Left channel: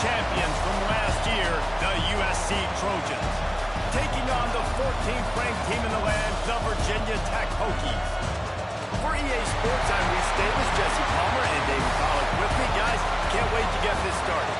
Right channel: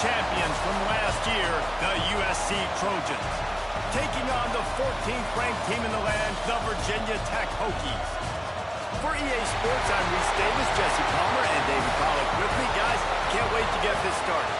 champions from last year, the USC Trojans. Taking on the 14th ranked team in the land, the Virginia Tech Hokies. For EA Sports, I'm Reese Davis, Jesse Palmer, and David Pollack with me. Guys, can't wait to get this started.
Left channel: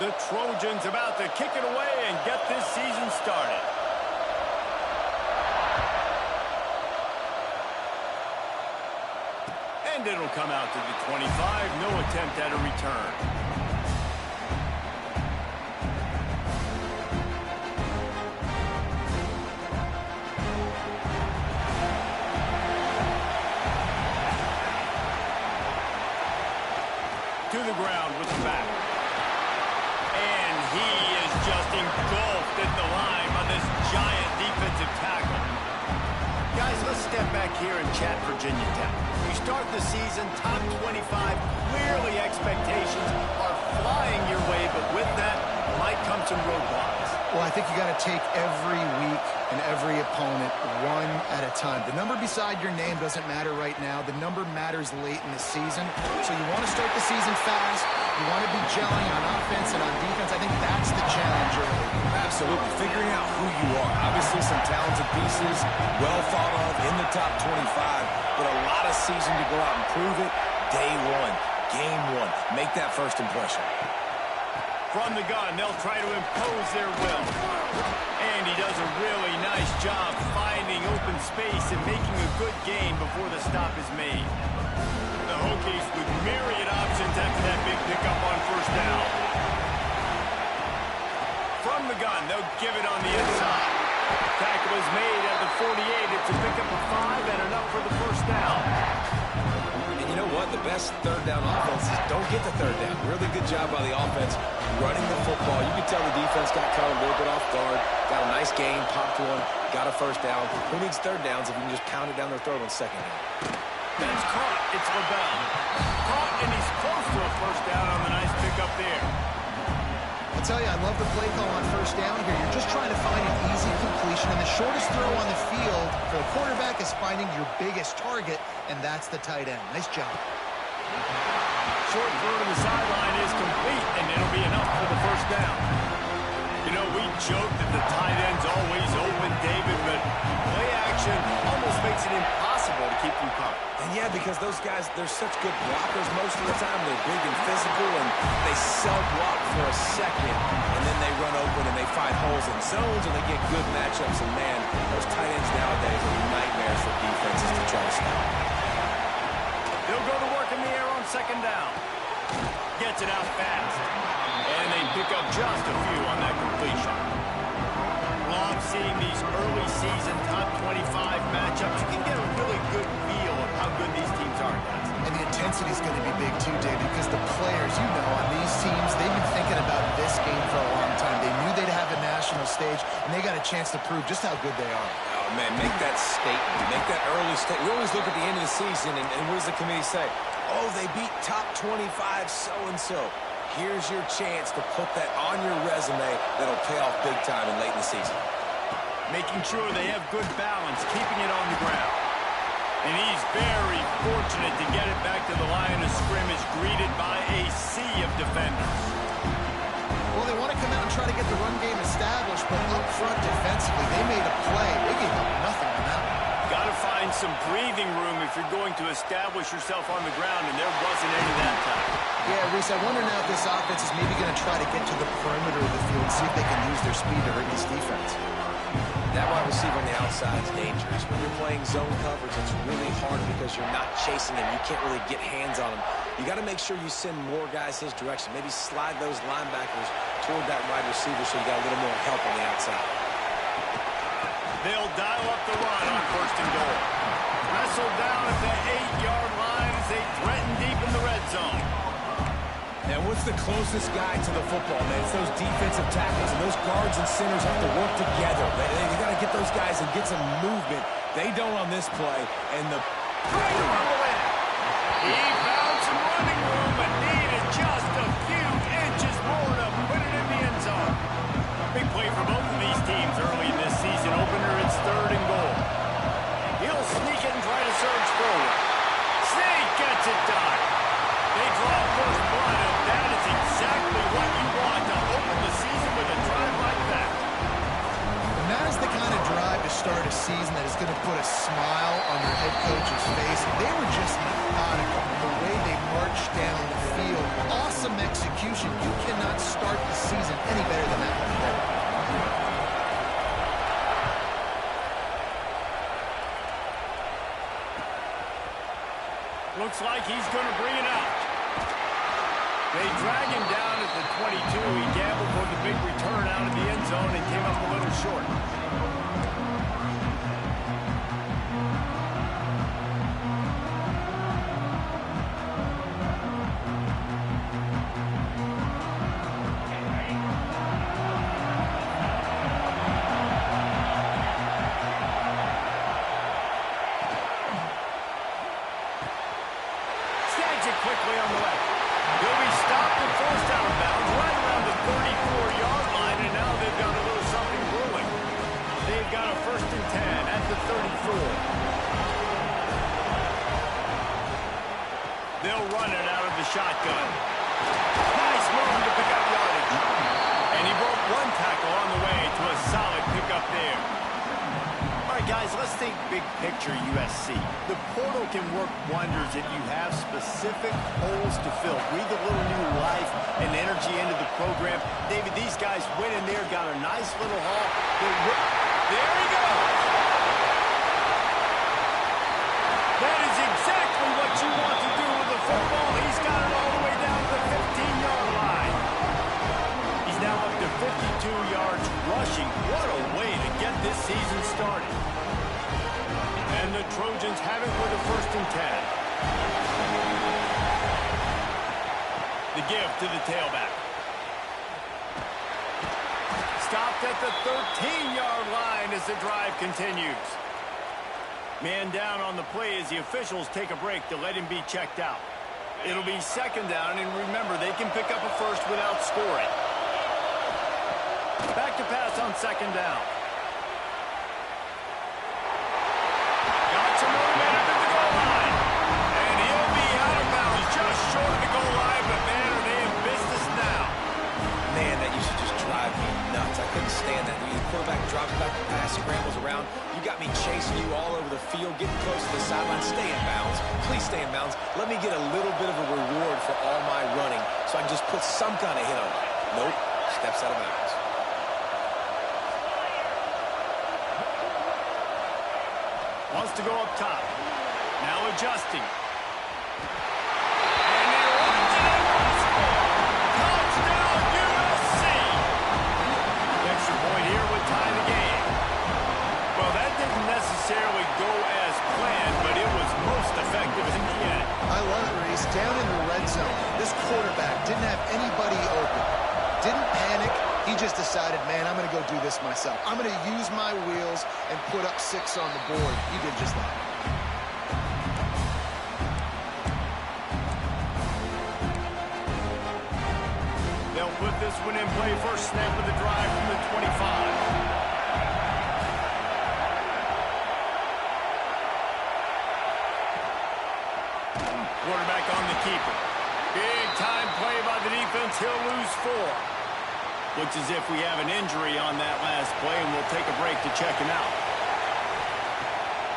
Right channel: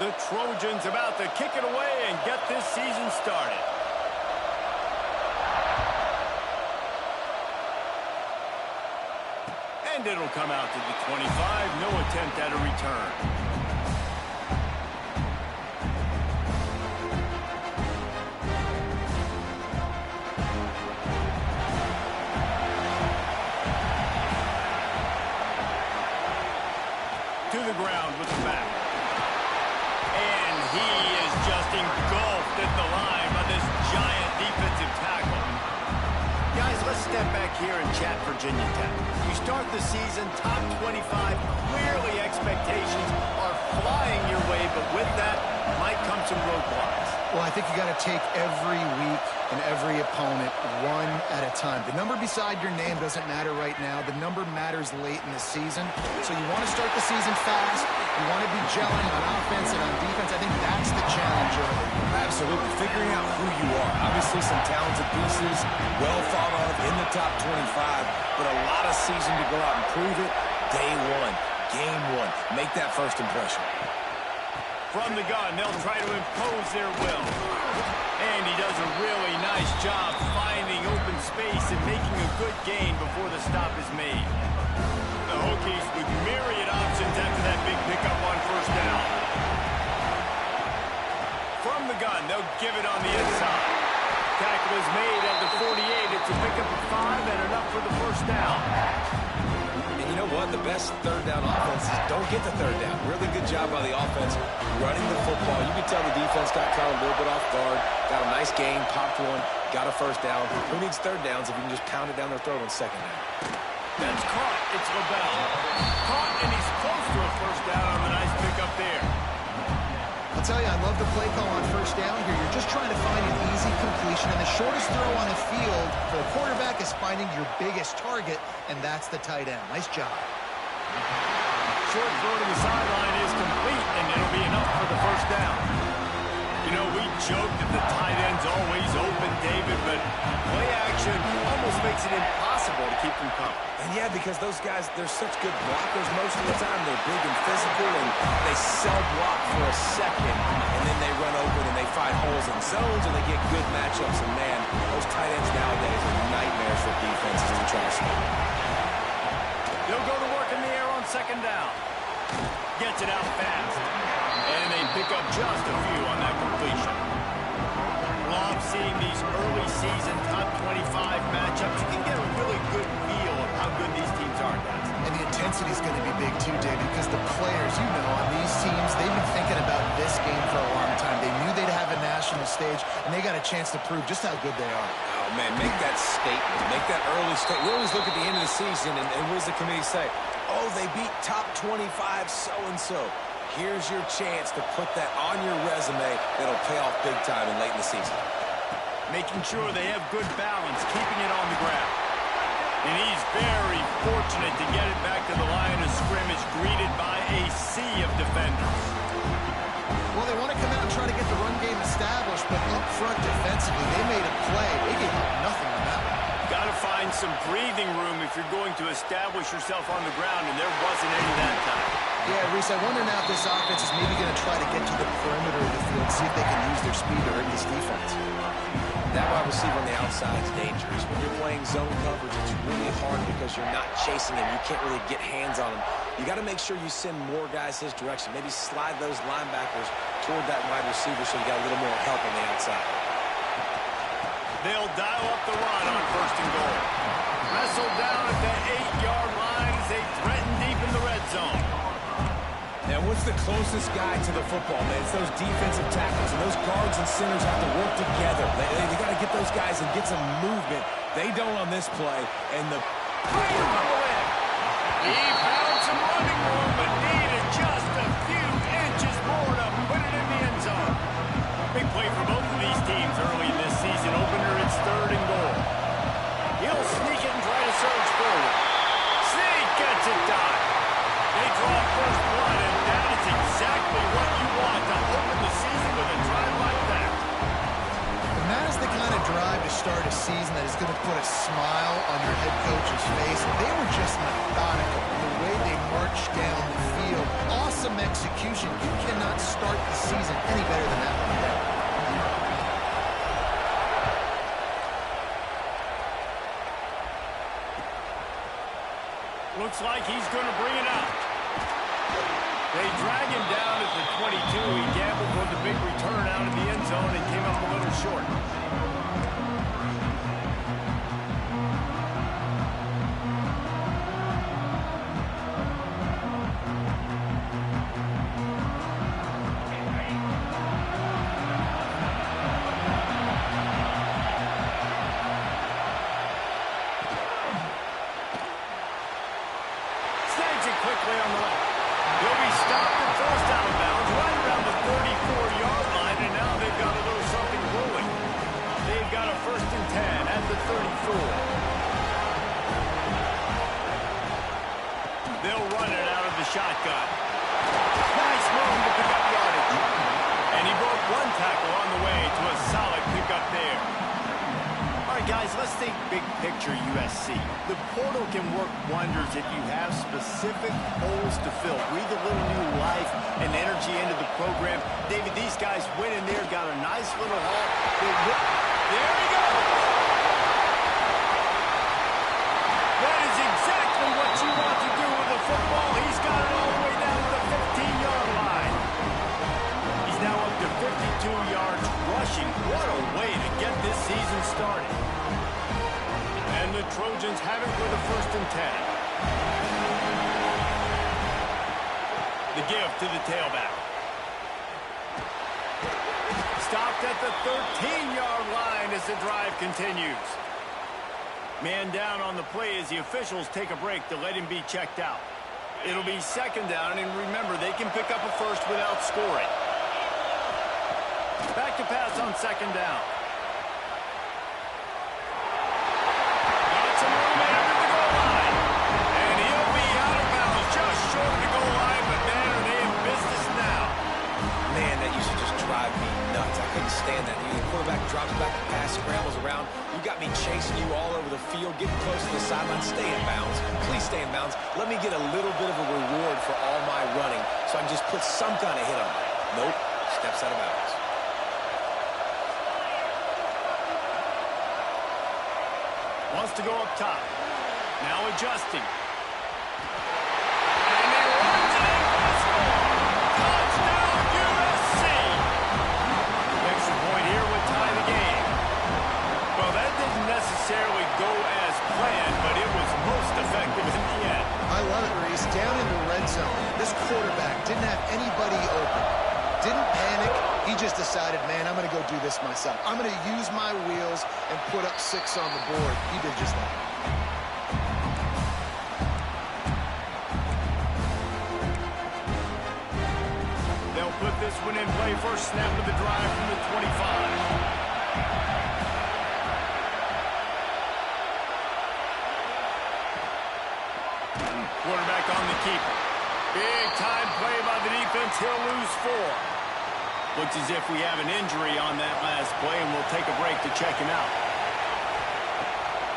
The Trojans about to kick it away and get this season started. And it'll come out to the 25. No attempt at a return. To the ground with the back. And he is just engulfed at the line by this giant defensive tackle. Guys, let's step back here and chat Virginia Tech. You start the season top 25. Clearly expectations are flying your way, but with that might come some roadblocks. Well, I think you got to take every week and every opponent one at a time. The number beside your name doesn't matter right now. The number matters late in the season. So you want to start the season fast. You want to be gelling on offense and on defense. I think that's the challenge early. Absolutely. Figuring out who you are. Obviously some talented pieces, well thought of in the top 25, but a lot of season to go out and prove it. Day one, game one. Make that first impression. From the gun, they'll try to impose their will. And he does a really nice job finding open space and making a good gain before the stop is made. The Hokies with myriad options after that big pickup on first down. From the gun, they'll give it on the inside. Tackle is made at the 48. It's a pickup of 5 and enough for the first down. And you know what? The best third down offenses don't get the third down. Really good job by the offense running the football. You can tell the defense got caught a little bit off guard. Got a nice gain, popped one, got a first down. Who needs third downs if you can just pound it down their throat on second down? That's caught. It's LaBelle. Caught, and he's close to a first down on the nice pickup there. I'll tell you, I love the play call on first down here. You're just trying to find an easy completion, and the shortest throw on the field for the quarterback is finding your biggest target, and that's the tight end. Nice job. Short throw to the sideline is complete, and it'll be enough for the first down. You know, we joke that the tight end's always open, David, but play action almost makes it impossible to keep them coming. And yeah, because those guys, they're such good blockers most of the time. They're big and physical, and they block for a second, and then they run open and they find holes in zones, and they get good matchups. And man, those tight ends nowadays are nightmares for defenses to try to stop. They'll go to work in the air on second down. Gets it out fast. And they pick up just a few on that completion. Love seeing these early season top 25 matchups. You can get a really good feel of how good these teams are, guys. And the intensity is going to be big too, David, because the players, you know, on these teams, they've been thinking about this game for a long time. They knew they'd have a national stage, and they got a chance to prove just how good they are. Oh, man, make that statement. Make that early statement. We always look at the end of the season, and what does the committee say? Oh, they beat top 25 so-and-so. Here's your chance to put that on your resume that'll pay off big time and late in the season. Making sure they have good balance, keeping it on the ground. And he's very fortunate to get it back to the line of scrimmage, greeted by a sea of defenders. Well, they want to come out and try to get the run game established, but up front defensively, they made a play. They gave up nothing on that one. Got to find some breathing room if you're going to establish yourself on the ground, and there wasn't any that time. Yeah, Reese, I wonder now if this offense is maybe going to try to get to the perimeter of the field, see if they can use their speed to hurt this defense. That wide receiver on the outside is dangerous. When you're playing zone coverage, it's really hard because you're not chasing him. You can't really get hands on him. You got to make sure you send more guys his direction. Maybe slide those linebackers toward that wide receiver so you got a little more help on the outside. They'll dial up the run on 1st and goal. Wrestled down at the 8-yard line as they threaten deep in the red zone. And what's the closest guy to the football, man? It's those defensive tackles, and those guards and centers have to work together. They got to get those guys and get some movement. They don't on this play, and the... He found some running room, but needed just a few inches more to put it in the end zone. Big play for both of these teams early in this season opener. It's 3rd and goal. He'll sneak it and try to surge forward. Sneak gets it done. They draw first blood, and that is exactly what you want to open the season with a drive like that. And that is the kind of drive to start a season that is going to put a smile on your head coach's face. They were just methodical in the way they marched down the field. Awesome execution. You cannot start the season any better than that right there. Looks like he's going to bring it out. They drag him down at the 22. He gambled for the big return out of the end zone and came up a little short. Snags it quickly on the left. He'll be stopped and forced out of bounds right around the 34-yard line, and now they've got a little something brewing. They've got a 1st and 10 at the 34. They'll run it out of the shotgun. Nice move to pick up yardage. And he broke one tackle on the way to a solid pickup there. All right, guys, let's think big picture USC. The portal can work wonders if you have specific holes to fill. Breathe a little new life and energy into the program. David, these guys went in there, got a nice little haul. There he goes. That is exactly what you want to do with the football. He's got it all the way down to the 15-yard line. He's now up to 52 yards rushing. What a way to get this season started. And the Trojans have it with a 1st and 10. The give to the tailback. Stopped at the 13-yard line as the drive continues. Man down on the play as the officials take a break to let him be checked out. It'll be 2nd down, and remember, they can pick up a first without scoring. Back to pass on 2nd down. Got some room after the goal line. And he'll be out of bounds just short of the goal line, but man, are they in business now. Man, that used to just drive me nuts. I couldn't stand that. The quarterback drops back to pass, scrambles around. You got me chasing you all over the field, getting close to the sideline. Stay in bounds. Please stay in bounds. Let me get a little bit of a reward for all my running so I can just put some kind of hit on you. Nope. Steps out of bounds. Wants to go up top. Now adjusting. And he runs it in for the score. Touchdown, USC. The extra point here would tie the game. Well, that didn't necessarily go as planned, but it was most effective in the end. I love it, Reese. Down in the red zone, this quarterback didn't have anybody open. Didn't panic. He just decided, man, I'm going to go do this myself. I'm going to use my wheels and put up 6 on the board. He did just that. They'll put this one in play. First snap of the drive from the 25. Quarterback on the keeper. Big time play by the defense. He'll lose 4. Looks as if we have an injury on that last play, and we'll take a break to check him out.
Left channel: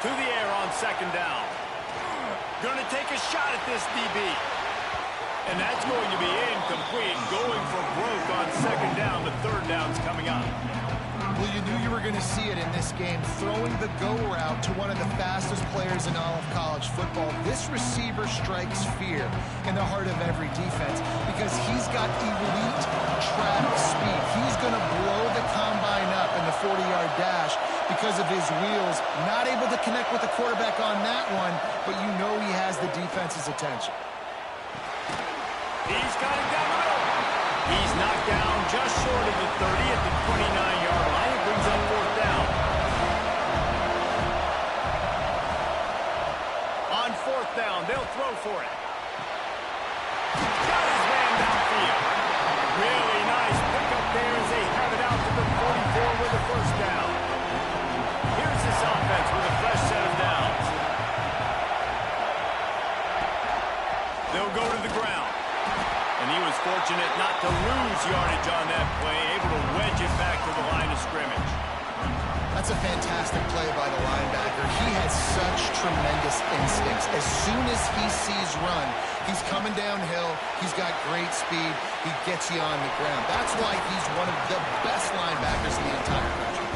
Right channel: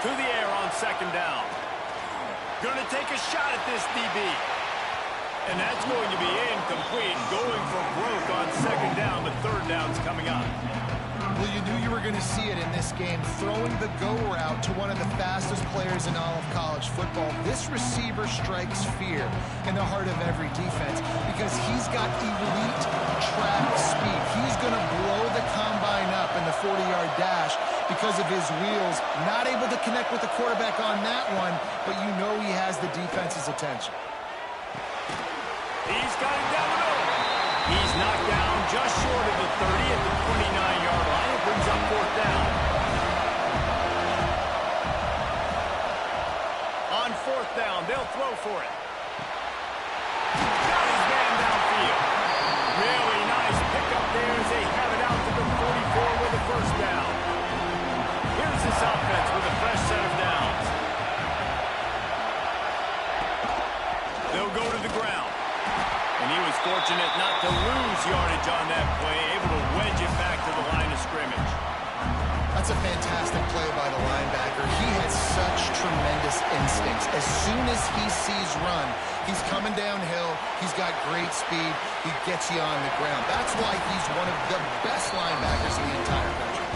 To the air on 2nd down. Going to take a shot at this DB. And that's going to be incomplete. Going for broke on 2nd down, but 3rd down's coming up. Well, you knew you were going to see it in this game, throwing the go route to one of the fastest players in all of college football. This receiver strikes fear in the heart of every defense because he's got elite track speed. He's going to blow the combine up in the 40-yard dash because of his wheels. Not able to connect with the quarterback on that one, but you know he has the defense's attention. He's got it down the middle. He's knocked down just short of the 30 at the 29-yard line. It brings up fourth down. On fourth down, they'll throw for it. Got his man downfield. Really nice pickup there as they have it out to the 44 with a first down. Here's this offense with a fresh set of downs. They'll go to the ground. And he was fortunate not to lose yardage on that play, able to wedge it back to the line of scrimmage. That's a fantastic play by the linebacker. He has such tremendous instincts. As soon as he sees run, he's coming downhill. He's got great speed. He gets you on the ground. That's why he's one of the best linebackers in the entire country.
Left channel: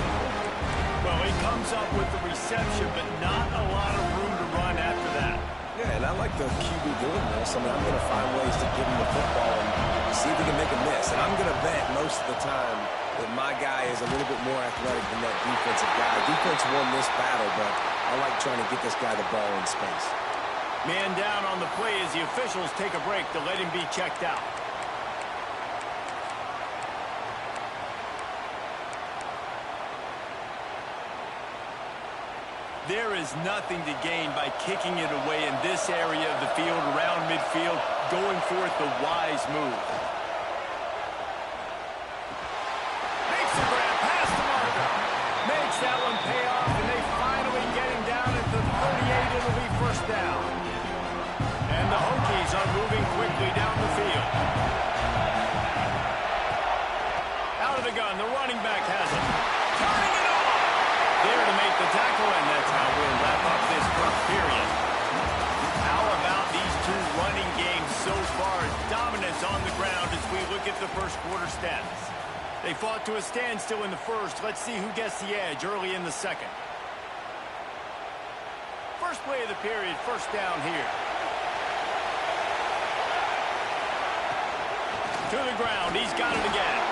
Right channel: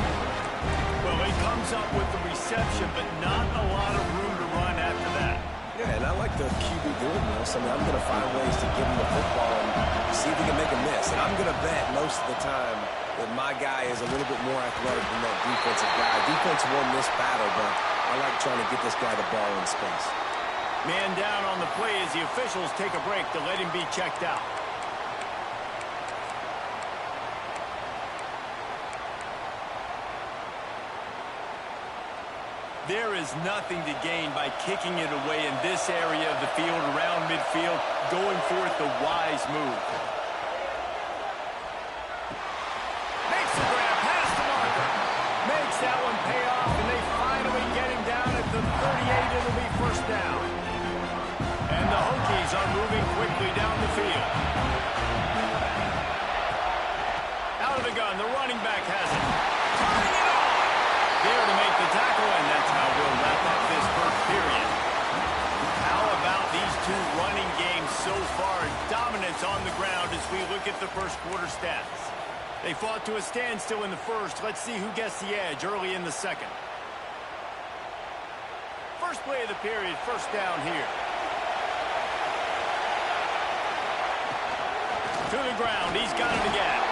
Well, he comes up with the reception, but not a lot of room to run after that. Yeah, and I like the QB doing this. I mean, I'm going to find ways to give him the football and see if he can make a miss. And I'm going to bet most of the time that my guy is a little bit more athletic than that defensive guy. Defense won this battle, but I like trying to get this guy the ball in space. Man down on the play as the officials take a break to let him be checked out. There is nothing to gain by kicking it away in this area of the field around midfield, going for it the wise move. Makes the grab past the marker. Makes that one pay off, and they finally get him down at the 38. It'll be first down. And the Hokies are moving quickly down the field. Out of the gun, the running back has it. Turning it on. There to make the tackle, and that's how we'll wrap up this first period. How about these two running games so far? Dominance on the ground as we look at the first quarter stats. They fought to a standstill in the first. Let's see who gets the edge early in the second. First play of the period, first down here. To the ground, he's got it again.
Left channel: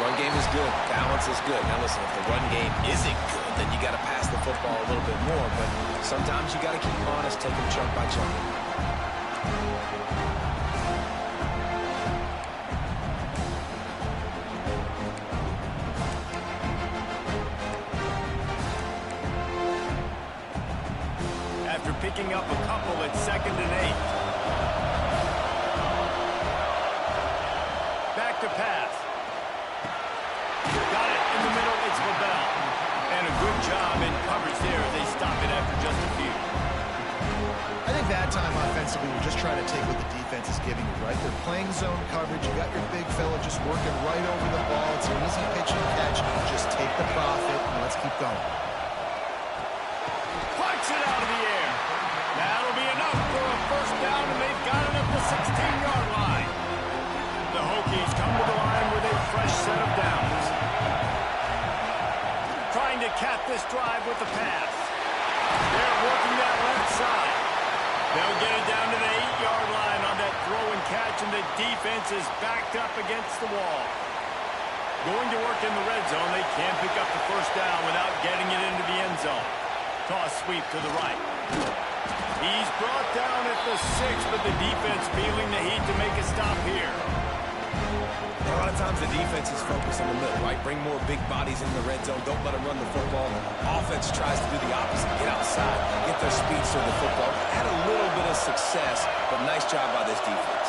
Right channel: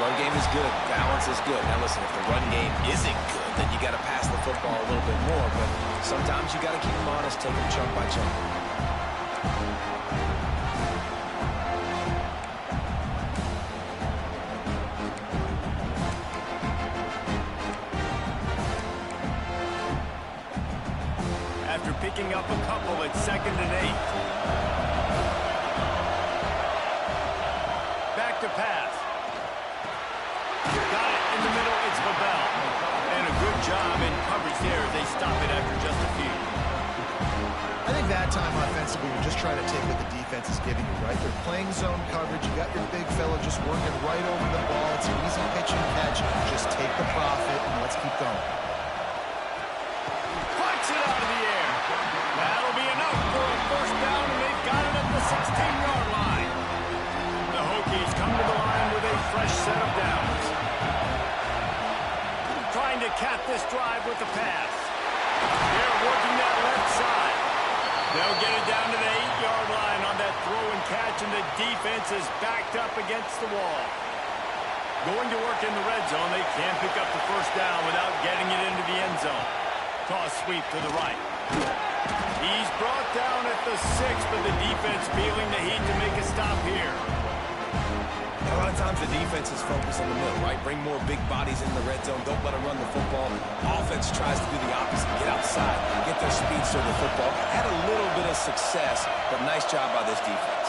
Run game is good. Balance is good. Now, listen, if the run game isn't good, then you got to pass the football a little bit more. But sometimes you got to keep them honest, take them chunk by chunk. After picking up a couple at 2nd and 8. Back to pass. Got it in the middle, it's LaBelle. And a good job in coverage there as they stop it after just a few. I think that time offensively, you're just trying to take what the defense is giving you, right? They're playing zone coverage. You got your big fella just working right over the ball. It's an easy pitch and catch. Just take the profit and let's keep going. Flies it out of the air. That'll be enough for a first down, and they've got it at the 16-yard line. The Hokies come to the line with a fresh set of downs. Trying to cap this drive with the pass. They're working that left side. They'll get it down to the 8-yard line on that throw and catch, and the defense is backed up against the wall. Going to work in the red zone. They can't pick up the first down without getting it into the end zone. Toss sweep to the right. He's brought down at the 6, but the defense feeling the heat to make a stop here. A lot of times the defense is focused on the middle, right? Bring more big bodies in the red zone. Don't let them run the football. Offense tries to do the opposite. Get outside. Get their speedster to the football. Had a little bit of success, but nice job by this defense.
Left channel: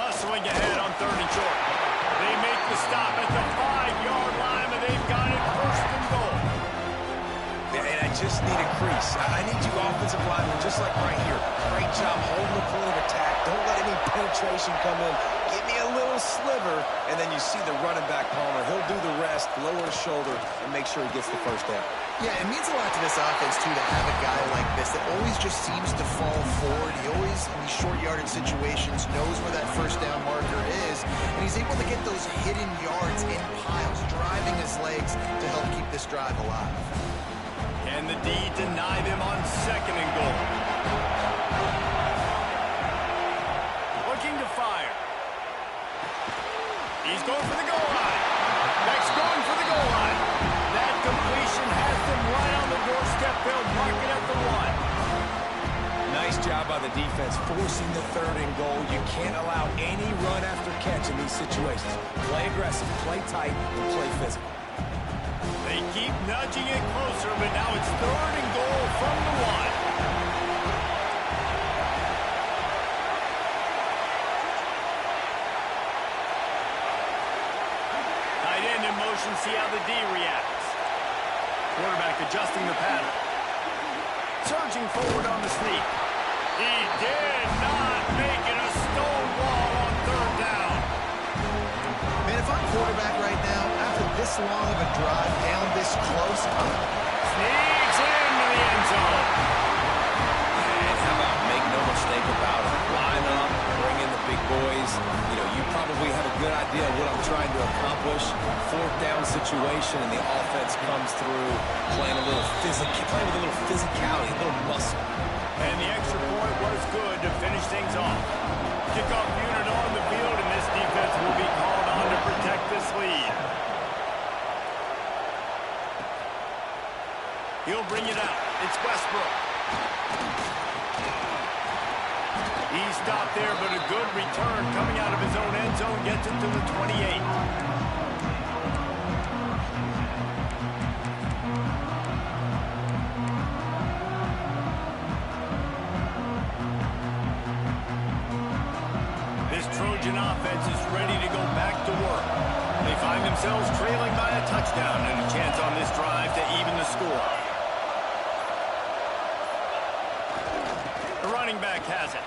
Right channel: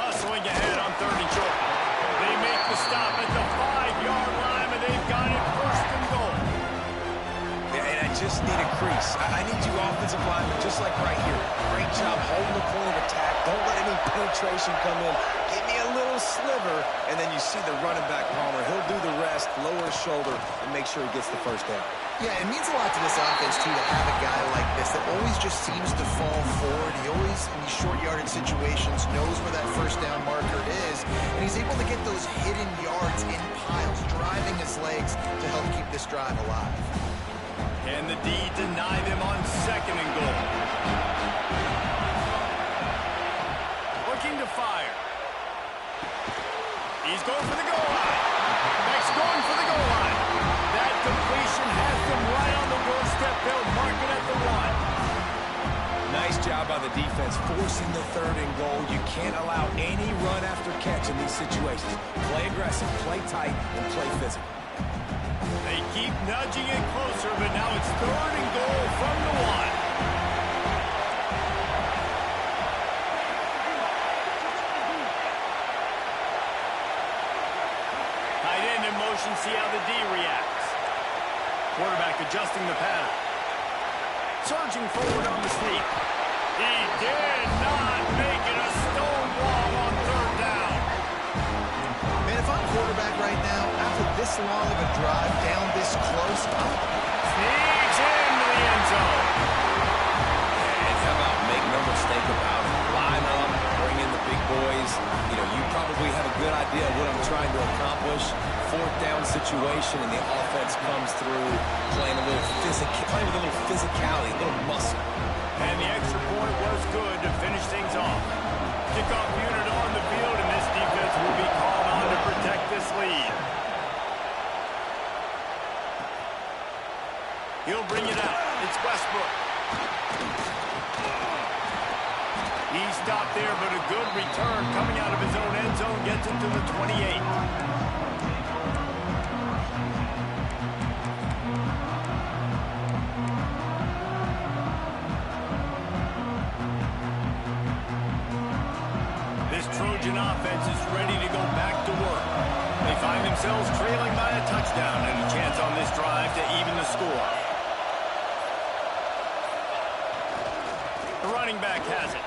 Muscling ahead on 3rd and short. They make the stop at the 5-yard line, and they've got it first and goal. And I just need a crease. I need you offensive linemen, just like right here. Great job holding the point of attack. Don't let any penetration come in. Give me a little sliver, and then you see the running back, Palmer. He'll do the rest, lower his shoulder, and make sure he gets the first down. Yeah, it means a lot to this offense, too, to have a guy like this that always just seems to fall forward. He always, in these short yardage situations, knows where that first down marker is, and he's able to get those hidden yards in piles, driving his legs to help keep this drive alive. Can the D deny them on 2nd and goal? Looking to fire. He's going for the goal line. Beck's going for the goal line. That completion has them right on the doorstep. They'll mark it at the 1. Nice job by the defense forcing the 3rd and goal. You can't allow any run after catch in these situations. Play aggressive, play tight, and play physical. They keep nudging it closer, but now it's 3rd and goal from the 1. Tight end in motion, see how the D reacts. Quarterback adjusting the pattern. Surging forward on the sneak. He did not make it a stone wall on 3rd down. Man, if I'm quarterback right now, after this long of a drive down this close, sneaks into the end zone. And how about make no mistake about it? Line up, bring in the big boys. You know, you probably have a good idea of what I'm trying to accomplish. 4th down situation, and the offense comes through playing with a little physicality, a little muscle. And the extra point was good to finish things off. Kickoff unit on the field, and this defense will be called on to protect this lead. He'll bring it out. It's Westbrook. He stopped there, but a good return coming out of his own end zone gets him to the 28. Trojan offense is ready to go back to work. They find themselves trailing by a touchdown and a chance on this drive to even the score. The running back has it.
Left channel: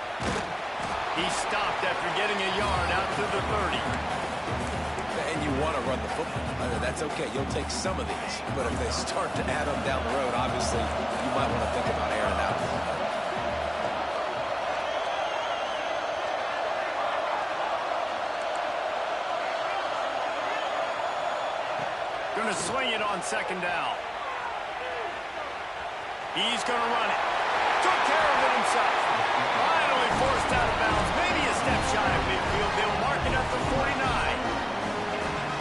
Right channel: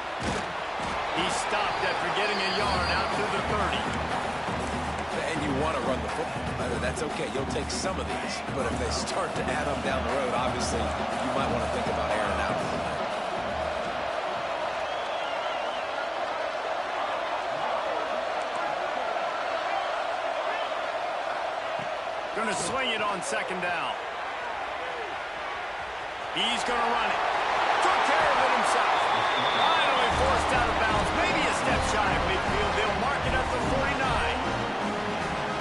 He stopped after getting a yard out to the 30. And you want to run the football. That's okay. You'll take some of these. But if they start to add them down the road, obviously you might want to think about airing it out a little bit. Going to swing it on 2nd down. He's going to run it. Took care of it himself. Finally forced out of bounds. Maybe a step shy of midfield. They'll mark it at the 49.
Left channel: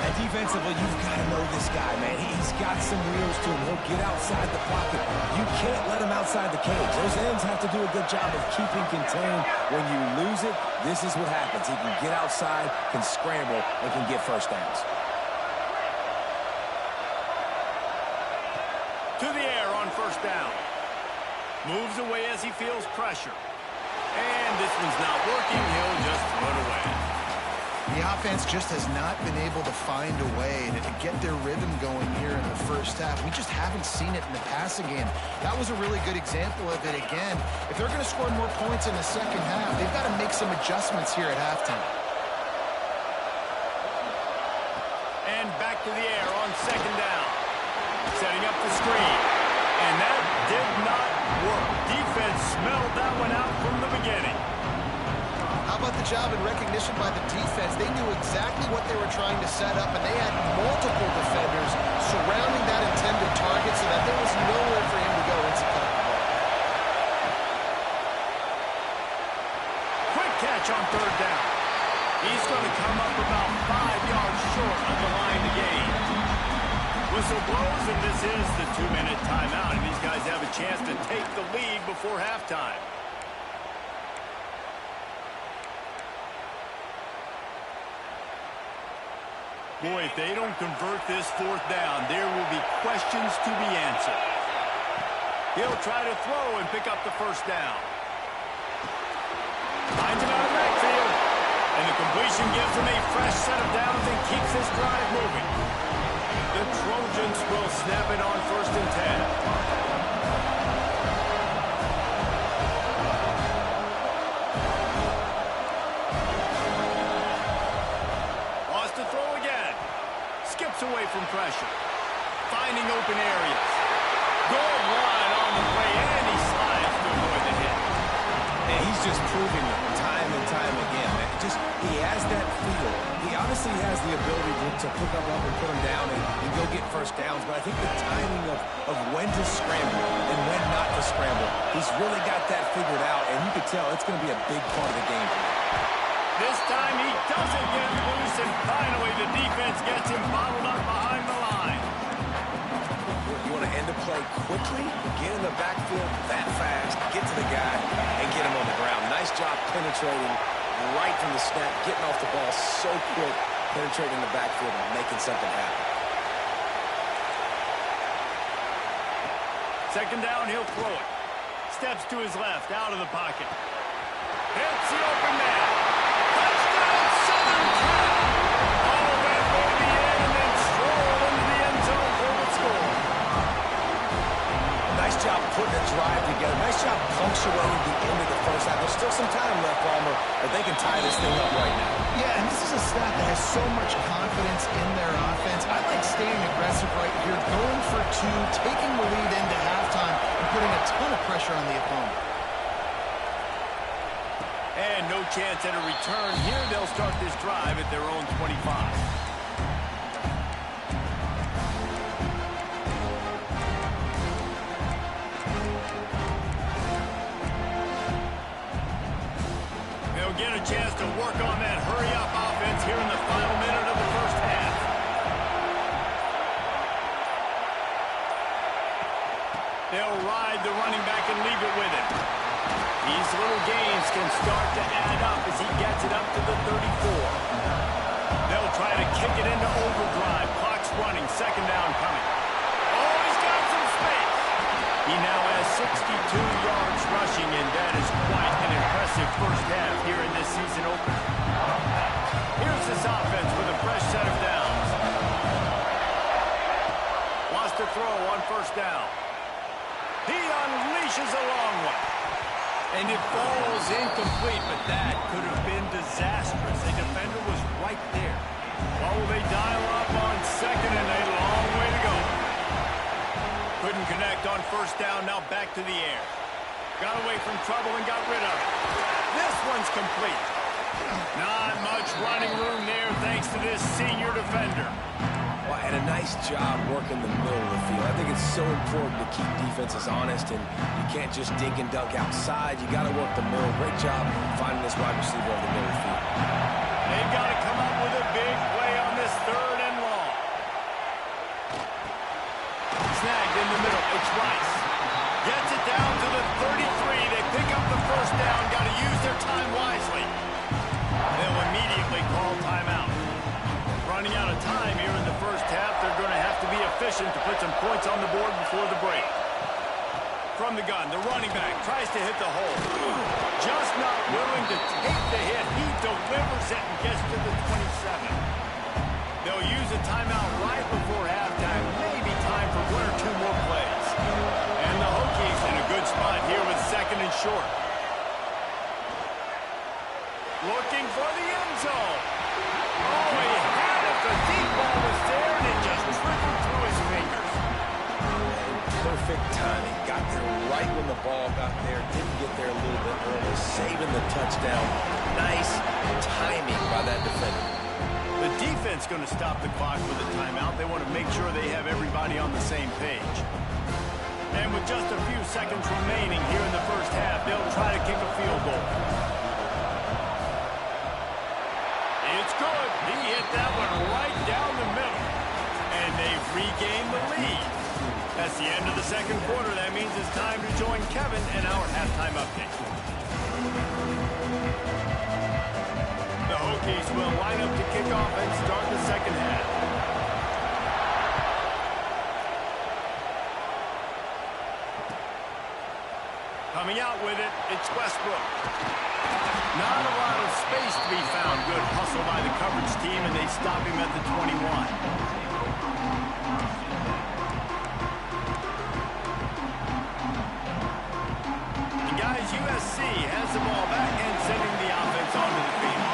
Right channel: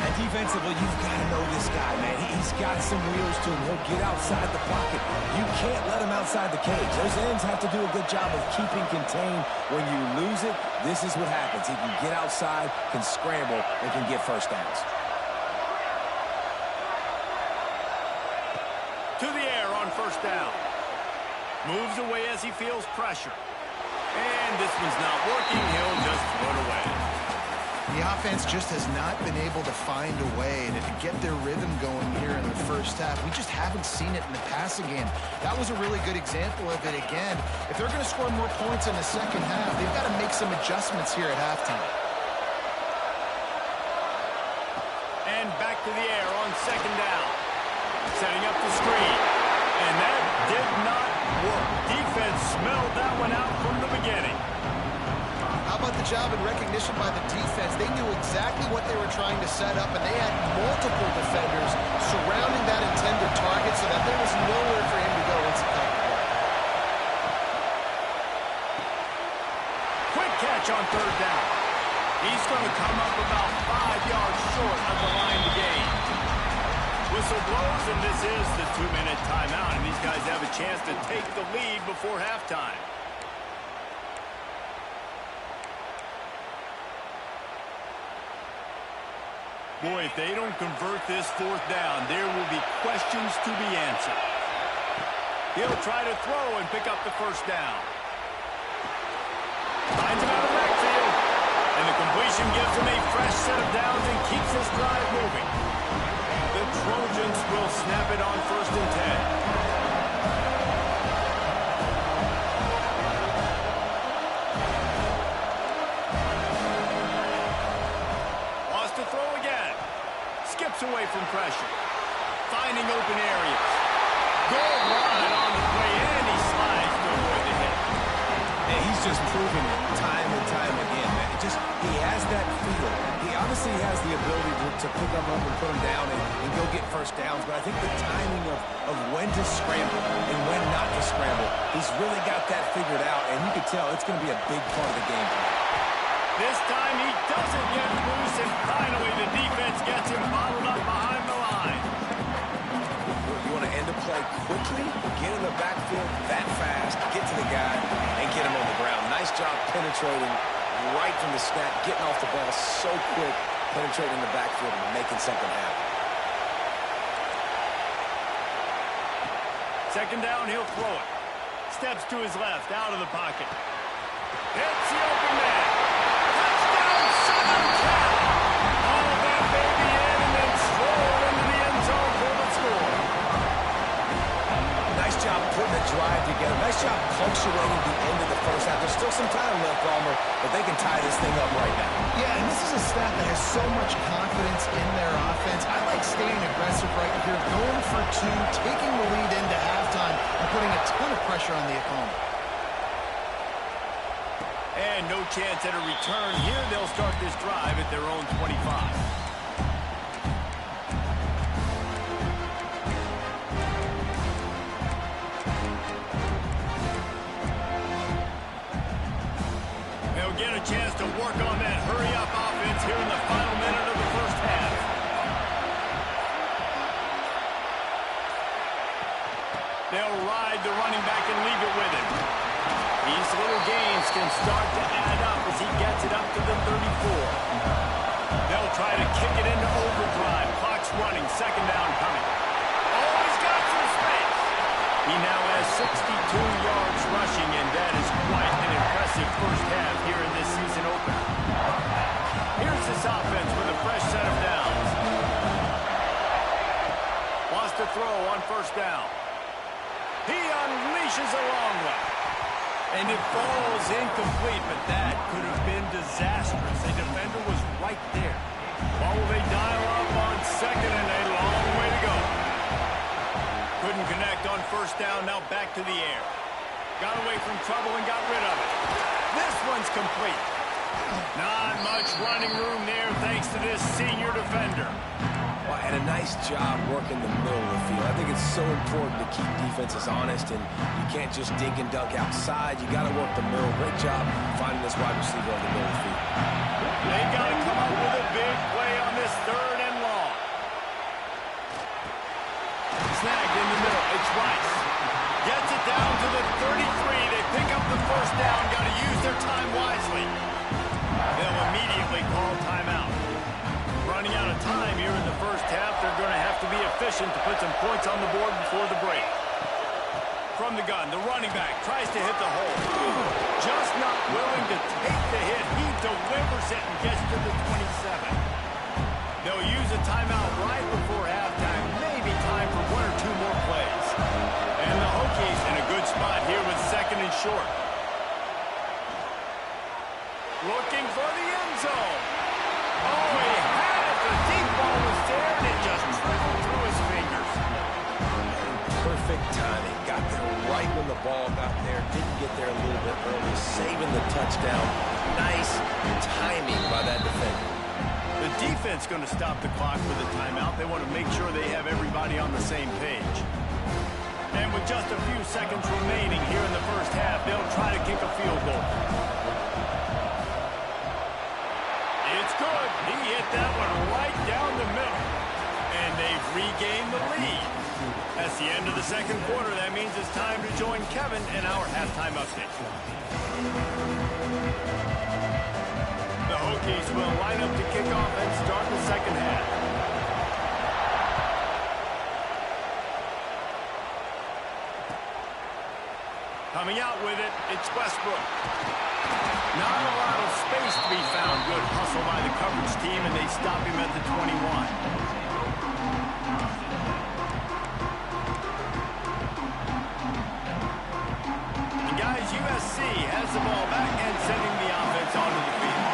And defensively, you've got to know this guy, man. He's got some wheels to him. He'll get outside the pocket. You can't let him outside the cage. Those ends have to do a good job of keeping contained. When you lose it, this is what happens. He can get outside, can scramble, and can get 1st downs. To the air on 1st down. Moves away as he feels pressure. And this one's not working. He'll just throw it away. The offense just has not been able to find a way to get their rhythm going here in the 1st half. We just haven't seen it in the passing game. That was a really good example of it again. If they're going to score more points in the 2nd half, they've got to make some adjustments here at halftime. And back to the air on 2nd down. Setting up the screen. And that did not work. Defense smelled that one out from the beginning. How about the job and recognition by the defense? They knew exactly what they were trying to set up, and they had multiple defenders surrounding that intended target so that there was nowhere for him to go once he caught the ball. Quick catch on 3rd down. He's going to come up about 5 yards short of the line to gain. Whistle blows, and this is the 2-minute timeout, and these guys have a chance to take the lead before halftime. Boy, if they don't convert this 4th down, there will be questions to be answered. He'll try to throw and pick up the 1st down. Finds him out of the backfield, and the completion gives him a fresh set of downs and keeps this drive moving. The Trojans will snap it on 1st and 10. Lost to throw again. Skips away from pressure. Finding open areas. Goal line on the play, and he slides to avoid the hit. And he's just proving it time and time again, man. He has that feel. He obviously has the ability to pick up and put him down and go get 1st downs, but I think the timing of when to scramble and when not to scramble, he's really got that figured out, and you can tell it's going to be a big part of the game tonight. This time he doesn't get loose, and finally the defense gets him bottled up behind the line. You want to end the play quickly, get in the backfield that fast, get to the guy, and get him on the ground. Nice job penetrating right from the snap, getting off the ball so quick, penetrating the backfield and making something happen. Second down, he'll throw it. Steps to his left, out of the pocket. Hits the open man. Touchdown, Southern Cal! All of that baby in and then stroll into the end zone for the score. Nice job putting a drive together. Nice job punctuating the end of the first half. There's still some time left, Palmer, but they can tie this thing up right now. Yeah, and this is a staff that has so much confidence in their offense. I like staying aggressive right here, going for two, taking the lead into halftime, and putting a ton of pressure on the opponent. And no chance at a return. Here they'll start this drive at their own 25. They'll get a chance to work on that hurry-up offense here in the final minute of the first half. They'll ride the running back and leave it with him. These little gains can start to add up as he gets it up to the 34. They'll try to kick it into overdrive. Clock's running. Second down coming. Oh, he's got some space. He now has 62 yards rushing, and that is quite an impressive first half here in this season opener. Here's this offense with a fresh set of downs. Wants to throw on first down. He unleashes a long one. And it falls incomplete, but that could have been disastrous. The defender was right there. Well, will they dial up on second, and a long way to go. Couldn't connect on first down, now back to the air. Got away from trouble and got rid of it. This one's complete. Not much running room there thanks to this senior defender. Well, and a nice job working the middle of the field. I think it's so important to keep defenses honest, and you can't just dink and dunk outside. You got to work the middle. Great job finding this wide receiver over the middle of the field. They've got to come up with a big play on this third and long. Snagged in the middle. It's Rice. Gets it down to the 33. They pick up the first down. Got to use their time wisely. They'll immediately call timeout. Running out of time here in the first half. They're going to have to be efficient to put some points on the board before the break. From the gun, the running back tries to hit the hole. Just not willing to take the hit. He delivers it and gets to the 27. They'll use a timeout right before halftime. Maybe time for one or two more plays. And the Hokies in a good spot here with second and short. Looking for the end zone. Oh, he had it. The deep ball was there, and it just trickled through his fingers. And perfect timing. Got there right when the ball got there. Didn't get there a little bit early. Saving the touchdown. Nice timing by that defender. The defense going to stop the clock with a timeout. They want to make sure they have everybody on the same page. And with just a few seconds remaining here in the first half, they'll try to kick a field goal. It's good. He hit that one right down the middle. And they've regained the lead. That's the end of the second quarter. That means it's time to join Kevin and our halftime update. The Hokies will line up to kick off and start the second half. Coming out with it, it's Westbrook. Not a lot of space to be found. Good hustle by the coverage team, and they stop him at the 21. And guys, USC has the ball back and sending the offense onto the field.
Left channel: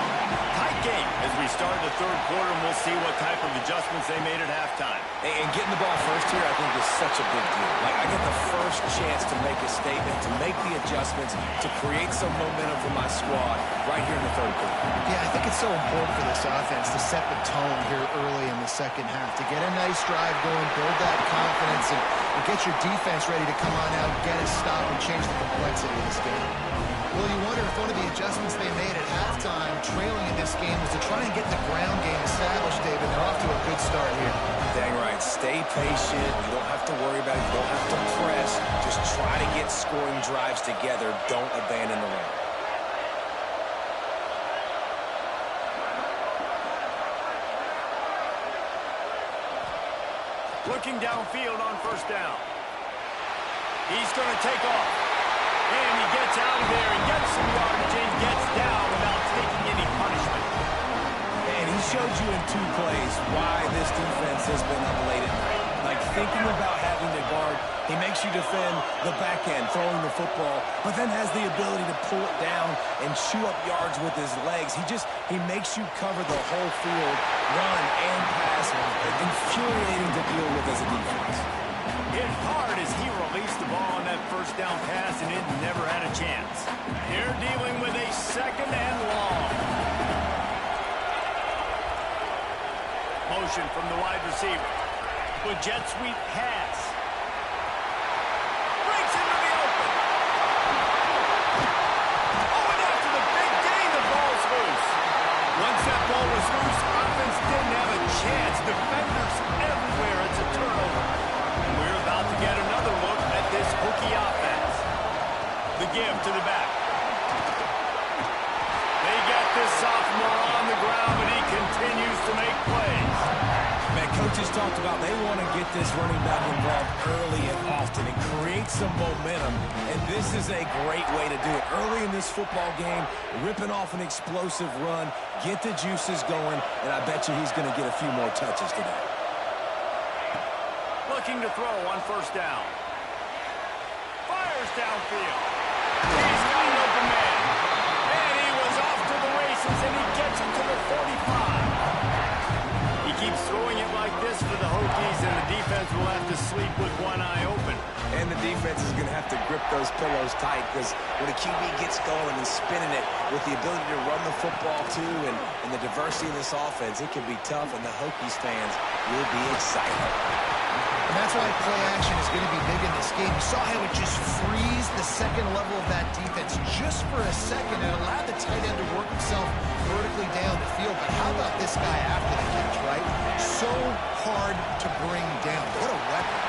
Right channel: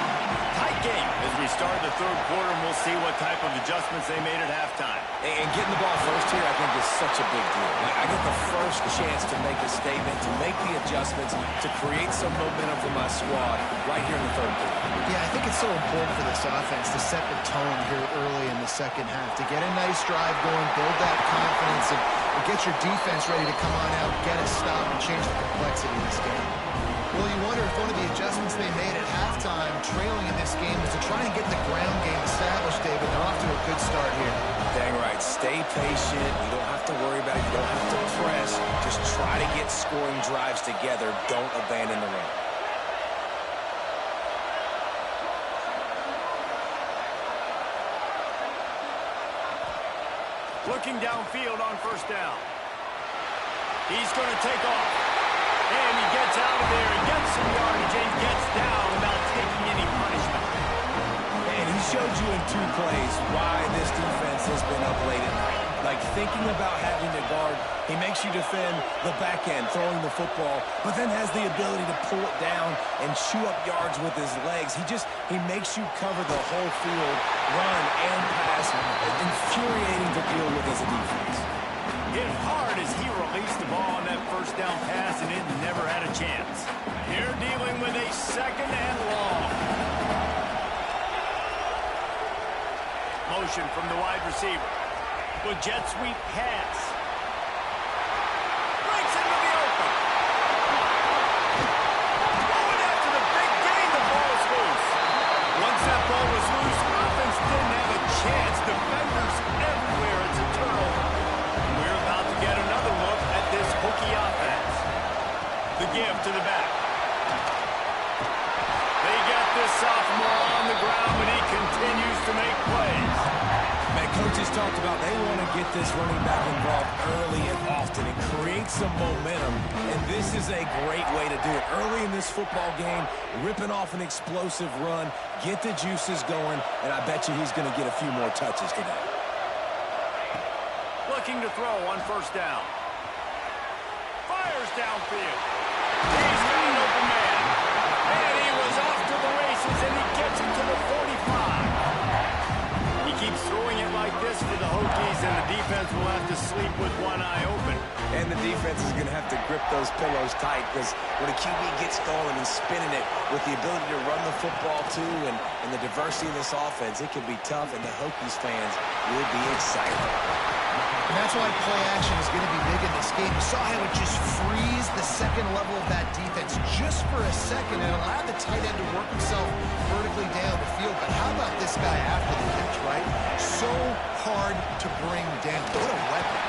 Tight game as we start the third quarter, and we'll see what type of adjustments they made at halftime. And getting the ball first here, I think, is such a big deal. Like, I get the first chance to make a statement, to make the adjustments, to create some momentum for my squad right here in the third quarter. Yeah, I think it's so important for this offense to set the tone here early in the second half, to get a nice drive going, build that confidence, and get your defense ready to come on out, get a stop, and change the complexity of this game. Well, you wonder if one of the adjustments they made at halftime, trailing in this game, was to try and get the ground game established, David. They're off to a good start here. Dang right. Stay patient. You don't have to worry about it. You don't have to press. Just try to get scoring drives together. Don't abandon the run. Looking downfield on first down. He's going to take off. And he gets out of there and gets some yardage and gets down without taking any punishment. And he showed you in 2 plays why this defense has been up late at night. Like thinking about having to guard, he makes you defend the back end, throwing the football, but then has the ability to pull it down and chew up yards with his legs. He makes you cover the whole field, run and pass. Infuriating to deal with as a defense. Hit hard as he released the ball on that first down pass, and it never had a chance. They're dealing with a 2nd and long. Motion from the wide receiver. With jet sweep pass. Breaks into the open. Oh, and after the big gain, the ball's loose. Once that ball was loose, offense didn't have a chance. Defenders everywhere. It's a turnover. And we're about to get another look at this Hokie offense. The give to the back. They get this sophomore on the ground, but he continues to make plays. Man, coaches talked about they want to get this running back involved early and often and create some momentum, and this is a great way to do it. Early in this football game, ripping off an explosive run, get the juices going, and I bet you he's going to get a few more touches today. Looking to throw on first down. Fires downfield. He's got an open man. And he was off to the races, and he gets it to the 45. He keeps throwing it like this for the Hokies, and the defense will have to sleep with one eye open. And the defense is going to have to grip those pillows tight, because when a QB gets going and spinning it with the ability to run the football too and the diversity of this offense, it can be tough, and the Hokies fans will be excited. And that's why play action is going to be big in this game. You saw how it just freezed the second level of that defense just for a second and allowed the tight end to work himself vertically down the field. But how about this guy after the catch, right? So hard to bring down. What a weapon.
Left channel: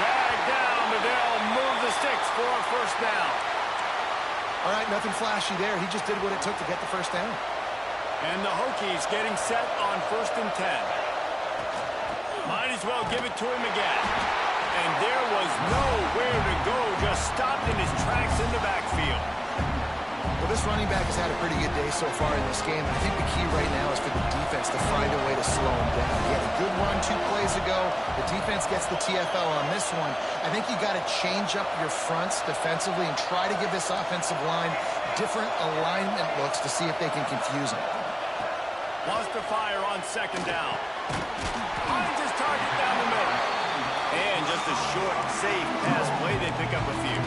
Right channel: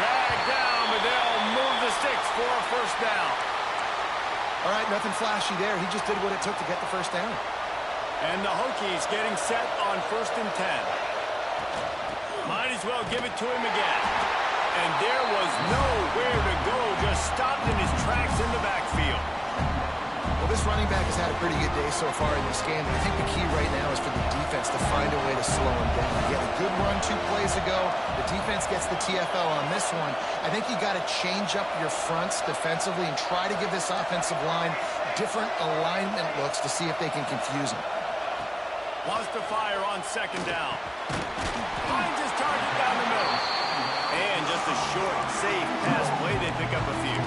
Dragged down, but they'll move the sticks for a first down. All right, nothing flashy there. He just did what it took to get the first down. And the Hokies getting set on 1st and 10. Might as well give it to him again. And there was nowhere to go, just stopped in his tracks in the backfield. Well, this running back has had a pretty good day so far in this game, and I think the key right now is for the defense to find a way to slow him down. He had a good run 2 plays ago. The defense gets the TFL on this one. I think you got to change up your fronts defensively and try to give this offensive line different alignment looks to see if they can confuse him. Wants to fire on 2nd down. Finds his target down the middle. And just a short, safe pass play. They pick up a few.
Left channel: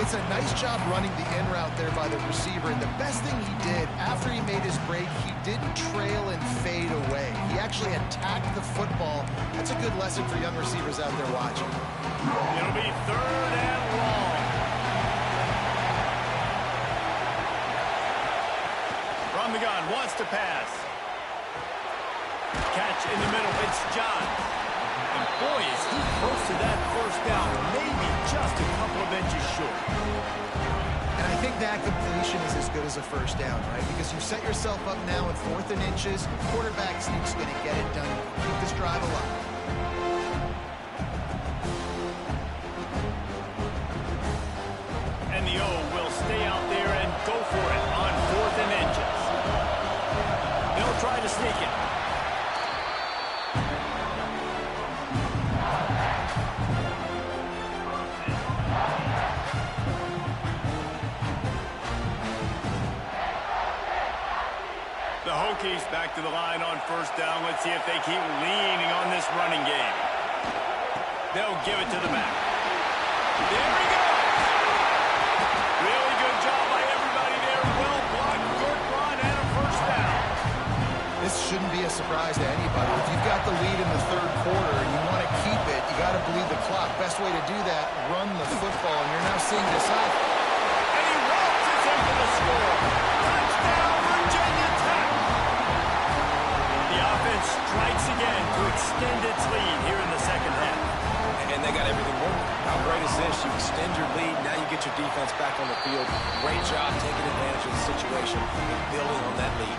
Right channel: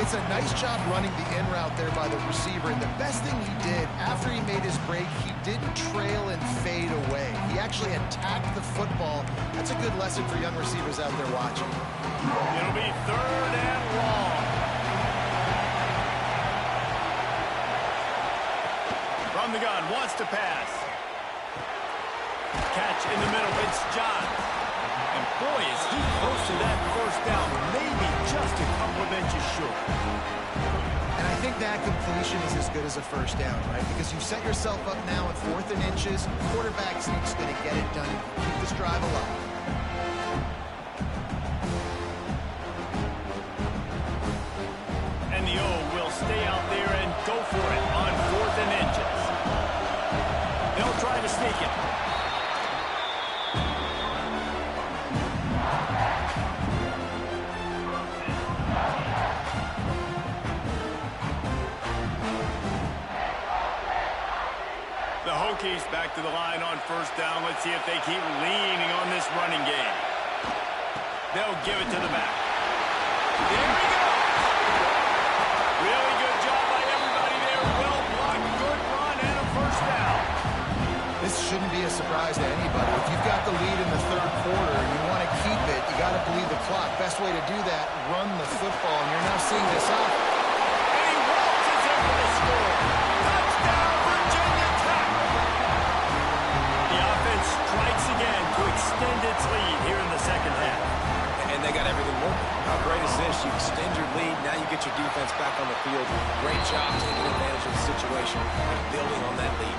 It's a nice job running the in route there by the receiver. And the best thing he did after he made his break, he didn't trail and fade away. He actually attacked the football. That's a good lesson for young receivers out there watching. It'll be 3rd and long. From the gun, wants to pass. Catch in the middle, it's Johns. And boy, is he close to that first down, maybe just a couple of inches short. And I think that completion is as good as a first down, right? Because you set yourself up now in 4th and inches. Quarterback sneak's going to get it done. Keep this drive alive. And the O will stay out there and go for it on 4th and inches. They'll try to sneak it. The Hokies back to the line on 1st down. Let's see if they keep leaning on this running game. They'll give it to the back. There he goes. Really good job by everybody there. Well blocked, good run, and a first down. This shouldn't be a surprise to anybody. If you've got the lead in the 3rd quarter and you want to keep it, you got to bleed the clock. Best way to do that, run the football. And you're now seeing this up. score. Touchdown, Virginia Tech! The offense strikes again to extend its lead here in the second half. And they got everything working. How great is this? You extend your lead. Now you get your defense back on the field. Great job taking advantage of the situation and building on that lead.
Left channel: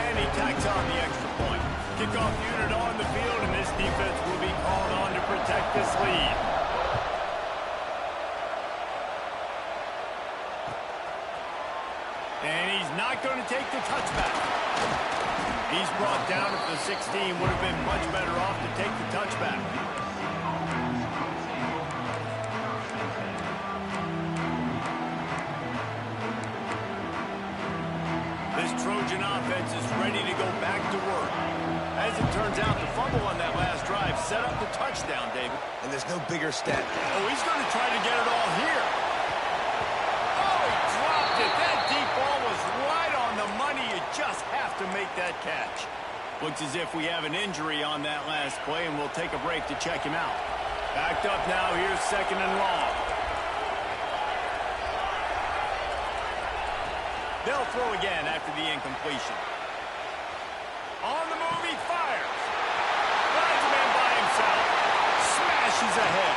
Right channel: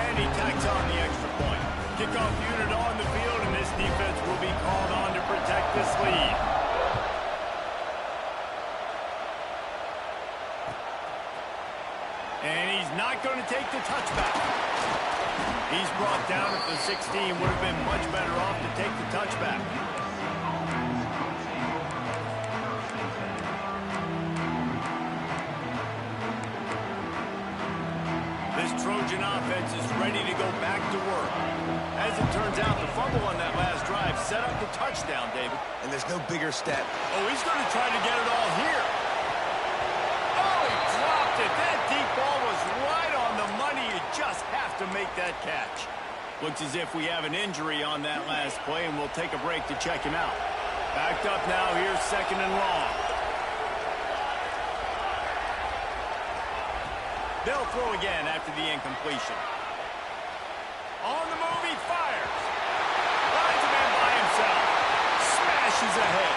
And he tacks on the extra point. Kickoff unit on the field, and this defense will be called on to protect this lead. And he's not going to take the touchback. He's brought down at the 16. Would have been much better off to take the touchback. This Trojan offense is ready to go back to work. As it turns out, the fumble on that last drive set up the touchdown, David. And there's no bigger stat. Oh, he's going to try to get it all here. Oh, he dropped it. That deep ball was right on the money. You just have to make that catch. Looks as if we have an injury on that last play, and we'll take a break to check him out. Backed up now. Here's 2nd and long. They'll throw again after the incompletion. On the move, he fires. Finds a man by himself. Smashes ahead.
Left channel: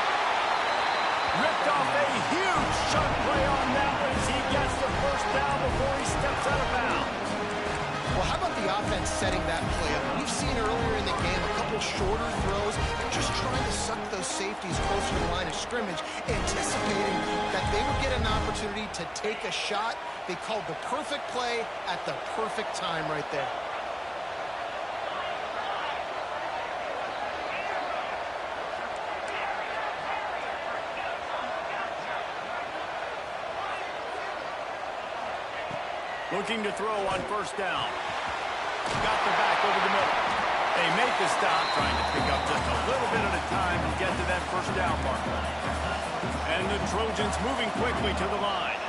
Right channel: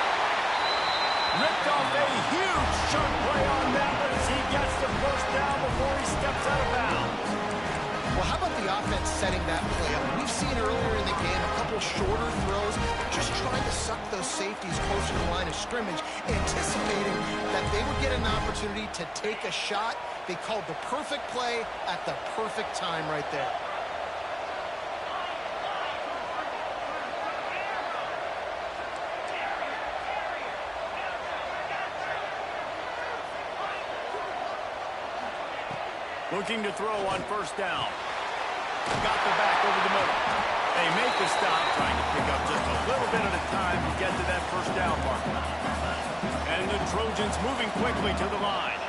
Ripped off a huge chunk play on that one as he gets the first down before he steps out of bounds. Well, how about the offense setting that play up? We've seen earlier in the game a couple shorter throws, just trying to suck those safeties closer to the line of scrimmage, anticipating that they would get an opportunity to take a shot. They called the perfect play at the perfect time right there. Looking to throw on 1st down. Got the back over the middle. They make the stop, trying to pick up just a little bit at a time to get to that 1st down marker. And the Trojans moving quickly to the line.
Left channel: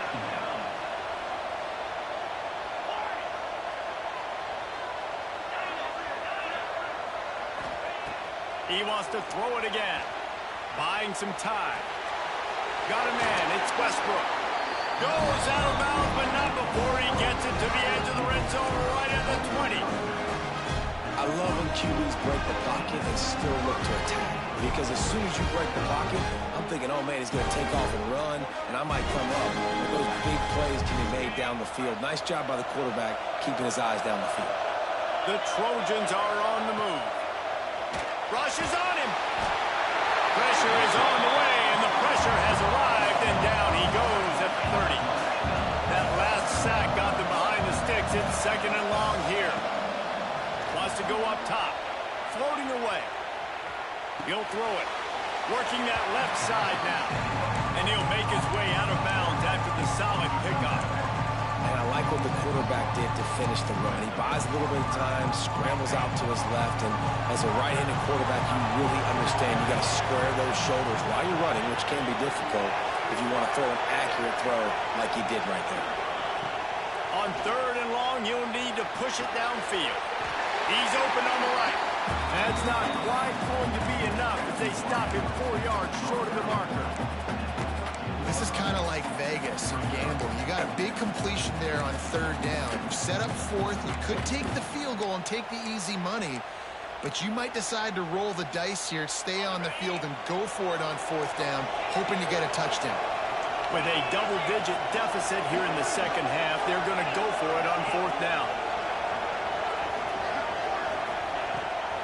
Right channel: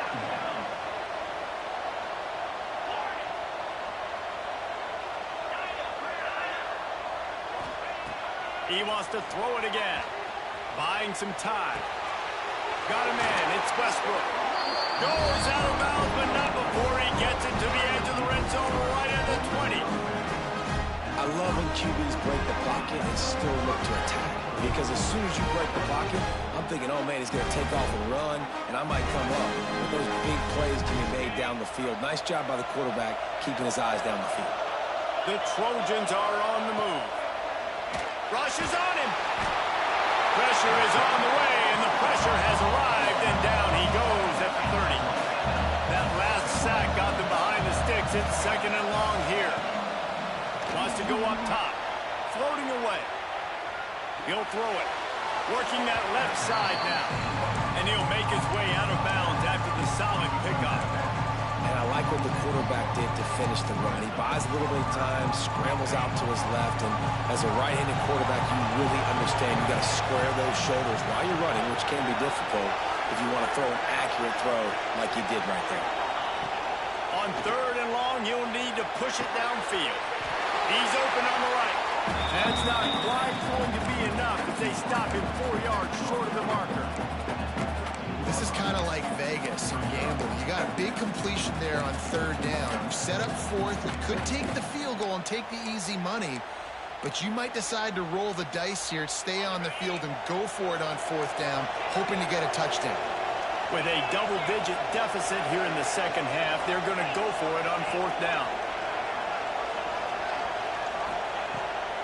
He wants to throw it again. Buying some time. Got him in. It's Westbrook. Goes out of bounds, but not before he gets it to the edge of the red zone right at the 20. I love when QBs break the pocket and still look to attack. Because as soon as you break the pocket, I'm thinking, oh, man, he's going to take off and run, and I might come up. But those big plays can be made down the field. Nice job by the quarterback keeping his eyes down the field. The Trojans are on the move. Rush is on him. Pressure is on the way, and the pressure has arrived, and down he goes at the 30. That last sack got them behind the sticks. It's 2nd and long here. Wants to go up top. Floating away. He'll throw it. Working that left side now. And he'll make his way out of bounds after the solid pickup. And I like what the quarterback did to finish the run. He buys a little bit of time, scrambles out to his left, and as a right-handed quarterback, you really understand you got to square those shoulders while you're running, which can be difficult if you want to throw an accurate throw like he did right there. On 3rd and long, you'll need to push it downfield. He's open on the right. That's not quite going to be enough as they stop him 4 yards short of the marker. This is kind of like Vegas and gamble. You got a big completion there on 3rd down. You set up 4th. You could take the field goal and take the easy money, but you might decide to roll the dice here, stay on the field, and go for it on 4th down, hoping to get a touchdown. With a double-digit deficit here in the second half, they're going to go for it on 4th down.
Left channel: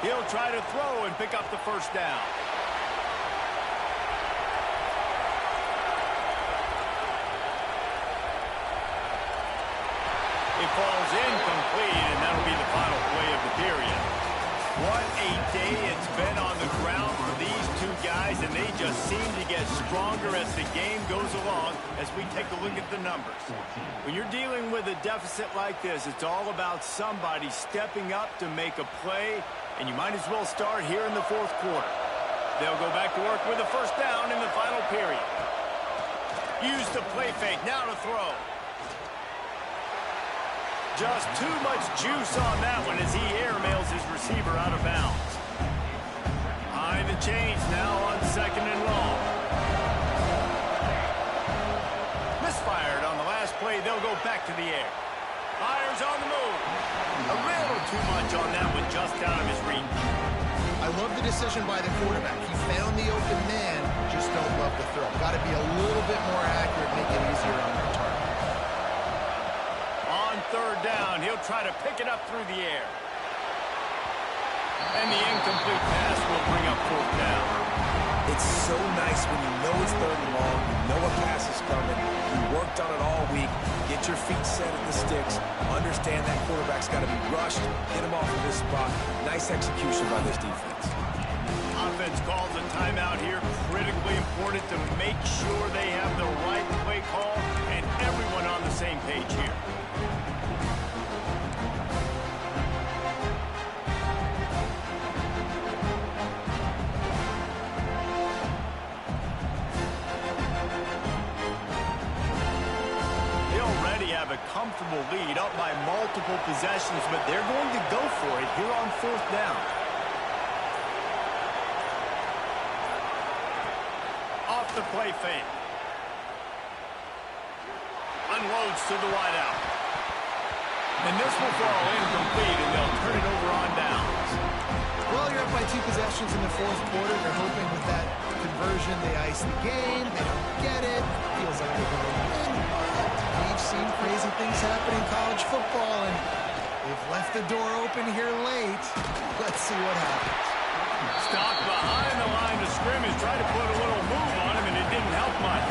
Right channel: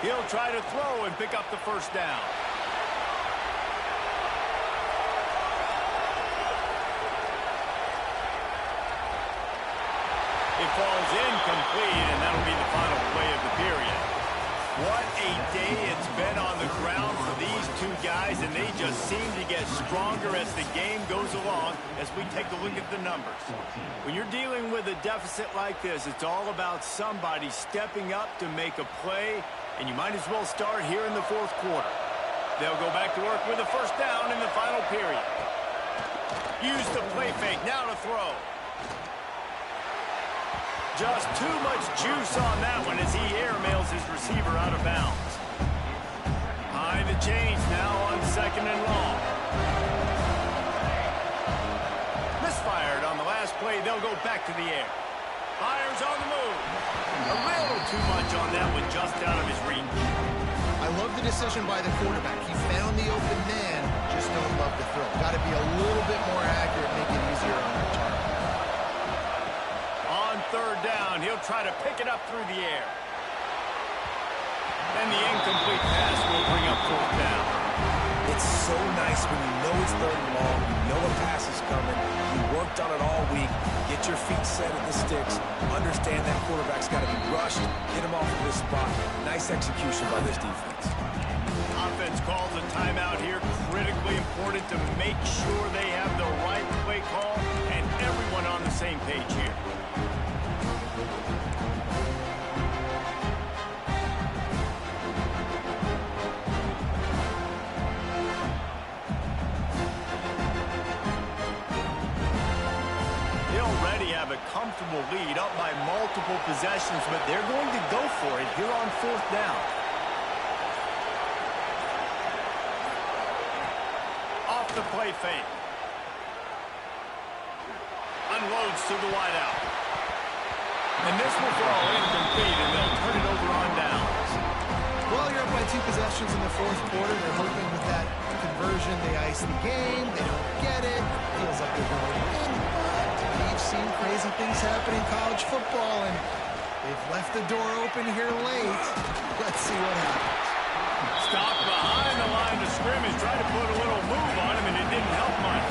He'll try to throw and pick up the 1st down. It falls incomplete, and that'll be the final play of the period. What a day it's been on the ground for these two guys, and they just seem to get stronger as the game goes along as we take a look at the numbers. When you're dealing with a deficit like this, it's all about somebody stepping up to make a play, and you might as well start here in the 4th quarter. They'll go back to work with a 1st down in the final period. Use the play fake, now to throw. Just too much juice on that one as he airmails his receiver out of bounds. High the chains now on 2nd and long. Misfired on the last pass play, they'll go back to the air. Fires on the move. A little too much on that one, just out of his reach. I love the decision by the quarterback. He found the open man, just don't love the throw. Got to be a little bit more accurate, make it easier on their target. On third down, he'll try to pick it up through the air. And the incomplete pass will bring up fourth down. It's so nice when you know it's third and long, you know a pass is coming, you worked on it all week, get your feet set at the sticks, understand that quarterback's got to be rushed, get him off of this spot. Nice execution by this defense. Offense calls a timeout here. Critically important to make sure they have the right play call and everyone on the same page here. They already have a comfortable lead up by multiple possessions, but they're going to go for it here on fourth down. Off the play fake. Unloads to the wideout. And this will fall incomplete, and they'll turn it over on downs. Well, you're up by 2 possessions in the fourth quarter. They're hoping with that conversion they ice the game. They don't get it. Feels like they're going to win, but we've seen crazy things happen in college football, and they've left the door open here late. Let's see what happens. Stopped behind the line of scrimmage, tried to put a little move on him, and it didn't help much.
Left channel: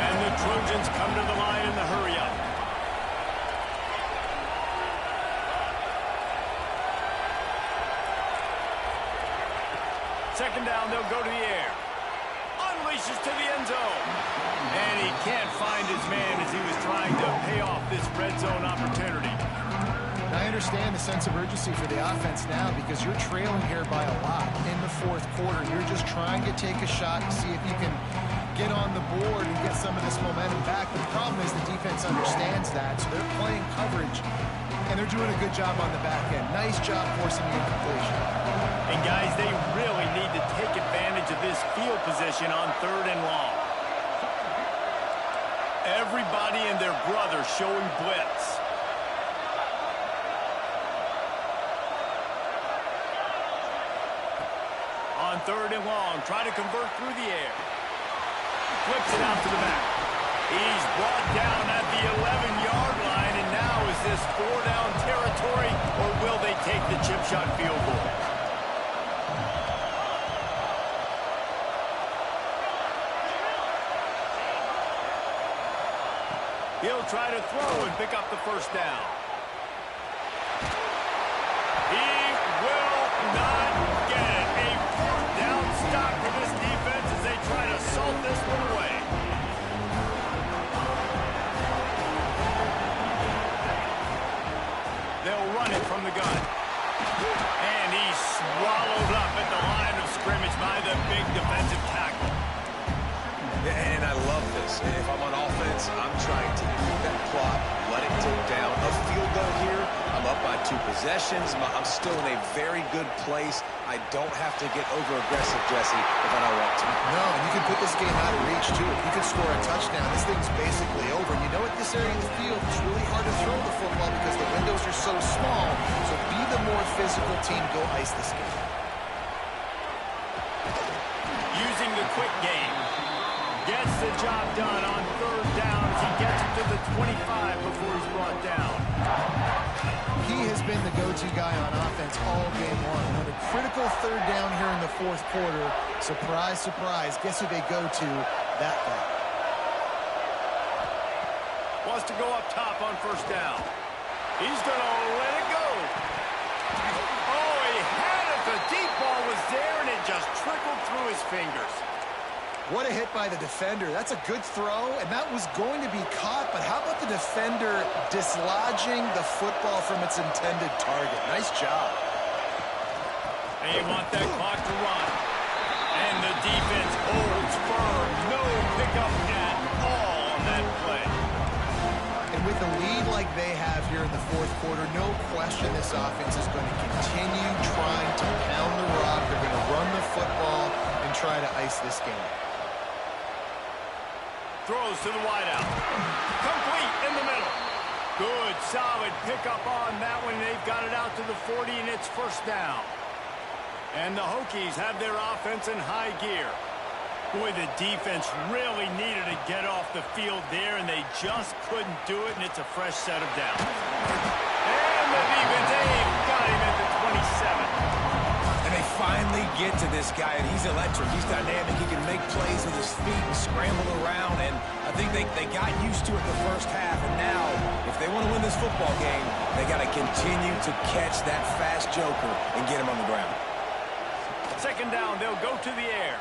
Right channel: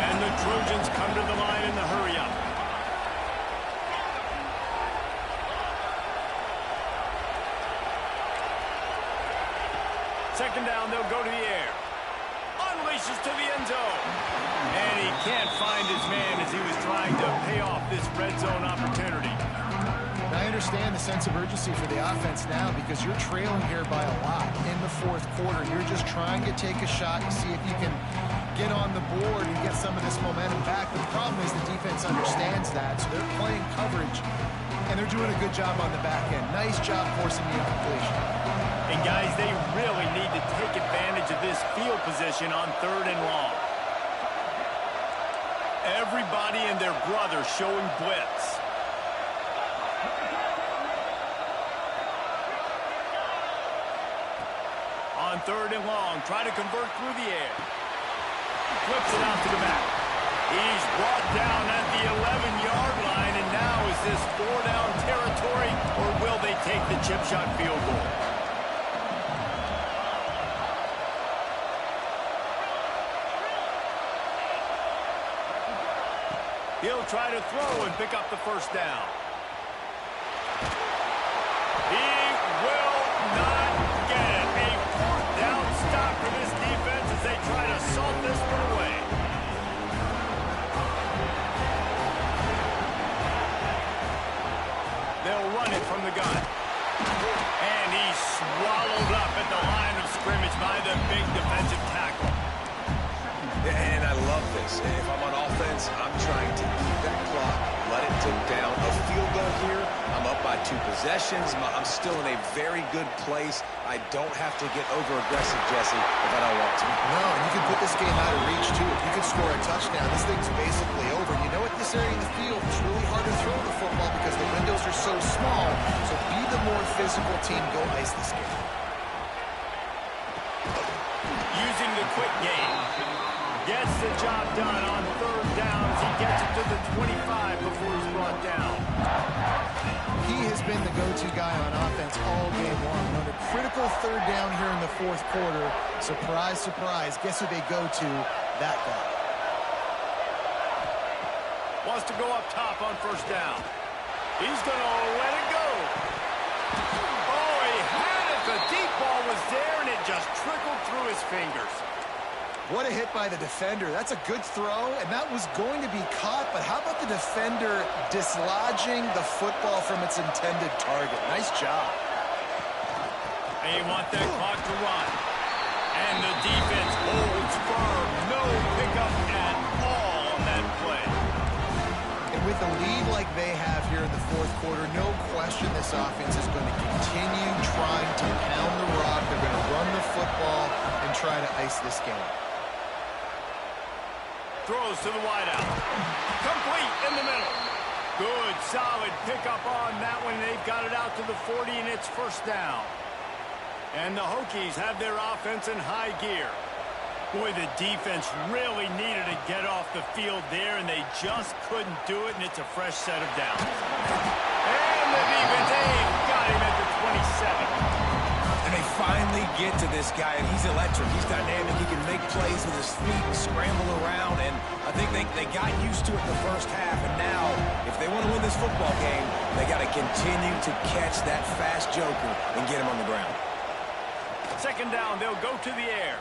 And the Trojans come to the line in the hurry-up. Second down, they'll go to the air. Unleashes to the end zone. And he can't find his man as he was trying to pay off this red zone opportunity. I understand the sense of urgency for the offense now because you're trailing here by a lot in the fourth quarter. You're just trying to take a shot to see if you can get on the board and get some of this momentum back. But the problem is the defense understands that, so they're playing coverage, and they're doing a good job on the back end. Nice job forcing the incompletion. And guys, they really need to take advantage of this field position on third and long. Everybody and their brother showing blitz. On third and long, try to convert through the air. Flips it out to the back. He's brought down at the 11-yard line, and now is this 4-down territory, or will they take the chip shot field goal? He'll try to throw and pick up the first down. He will not get it. A fourth down stop for this defense as they try to salt this one away. They'll run it from the gun. And he's swallowed up at the line of scrimmage by the big defensive tackle. And I love this. If I'm on offense, I'm trying to eat that clock, let it tick down. A field goal here, I'm up by 2 possessions. I'm still in a very good place. I don't have to get over-aggressive, Jesse, if I don't want to. No, and you can put this game out of reach, too. If you could score a touchdown, this thing's basically over. And you know, at this area of the field, it's really hard to throw the football because the windows are so small. So be the more physical team. Go ice this game. Using the quick game. Gets the job done on third down as he gets it to the 25 before he's brought down. He has been the go-to guy on offense all game long. And on a critical third down here in the fourth quarter, surprise, surprise, guess who they go to? That guy. Wants to go up top on first down. He's going to let it go. Oh, he had it. The deep ball was there, and it just trickled through his fingers. What a hit by the defender. That's a good throw, and that was going to be caught, but how about the defender dislodging the football from its intended target? Nice job. They want that clock to run. And the defense holds firm. No pickup at all on that play. And with a lead like they have here in the fourth quarter, no question this offense is going to continue trying to pound the rock. They're going to run the football and try to ice this game. throws to the wideout. Complete in the middle. Good, solid pickup on that one. They've got it out to the 40, and it's first down. And the Hokies have their offense in high gear. Boy, the defense really needed to get off the field there, and they just couldn't do it, and it's a fresh set of downs. And the defense, they've got him at the 27. And they finally get to this guy, and he's electric. He's dynamic. He can make plays with his feet and scramble around, and I think they got used to it in the first half, and now, if they want to win this football game, they got to continue to catch that fast joker and get him on the ground. Second down, they'll go to the air.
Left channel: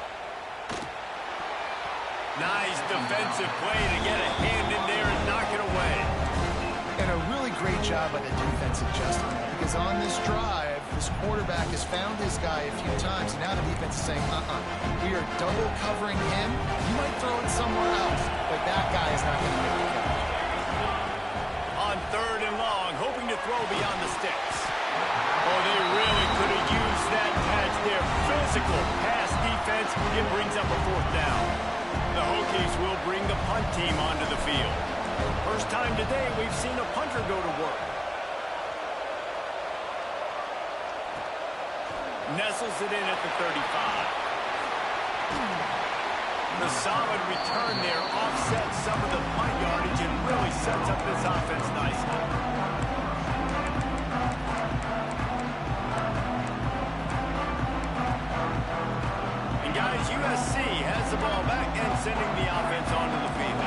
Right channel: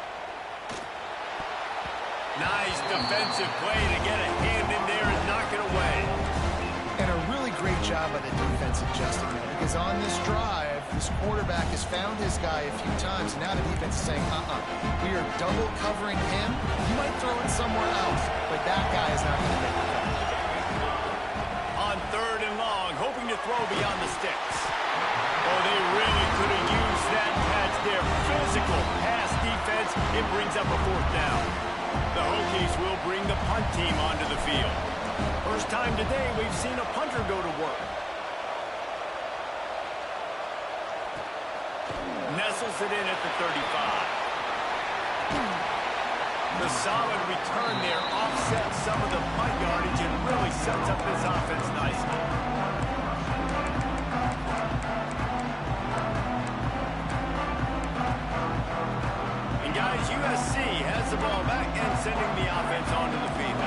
Nice defensive play to get a hand in there and knock it away. And a really great job by the defense adjusting now, because on this drive, this quarterback has found his guy a few times, and now the defense is saying, we are double covering him. You might throw it somewhere else, but that guy is not going to make the catch. On third and long, hoping to throw beyond the sticks. Oh, they really could have used that catch there. Physical pass defense. It brings up a fourth down. The Hokies will bring the punt team onto the field. First time today we've seen a punter go to work. Nestles it in at the 35. The solid return there offsets some of the punt yardage and really sets up this offense nicely. And guys, USC has the ball back and sending the offense onto the field.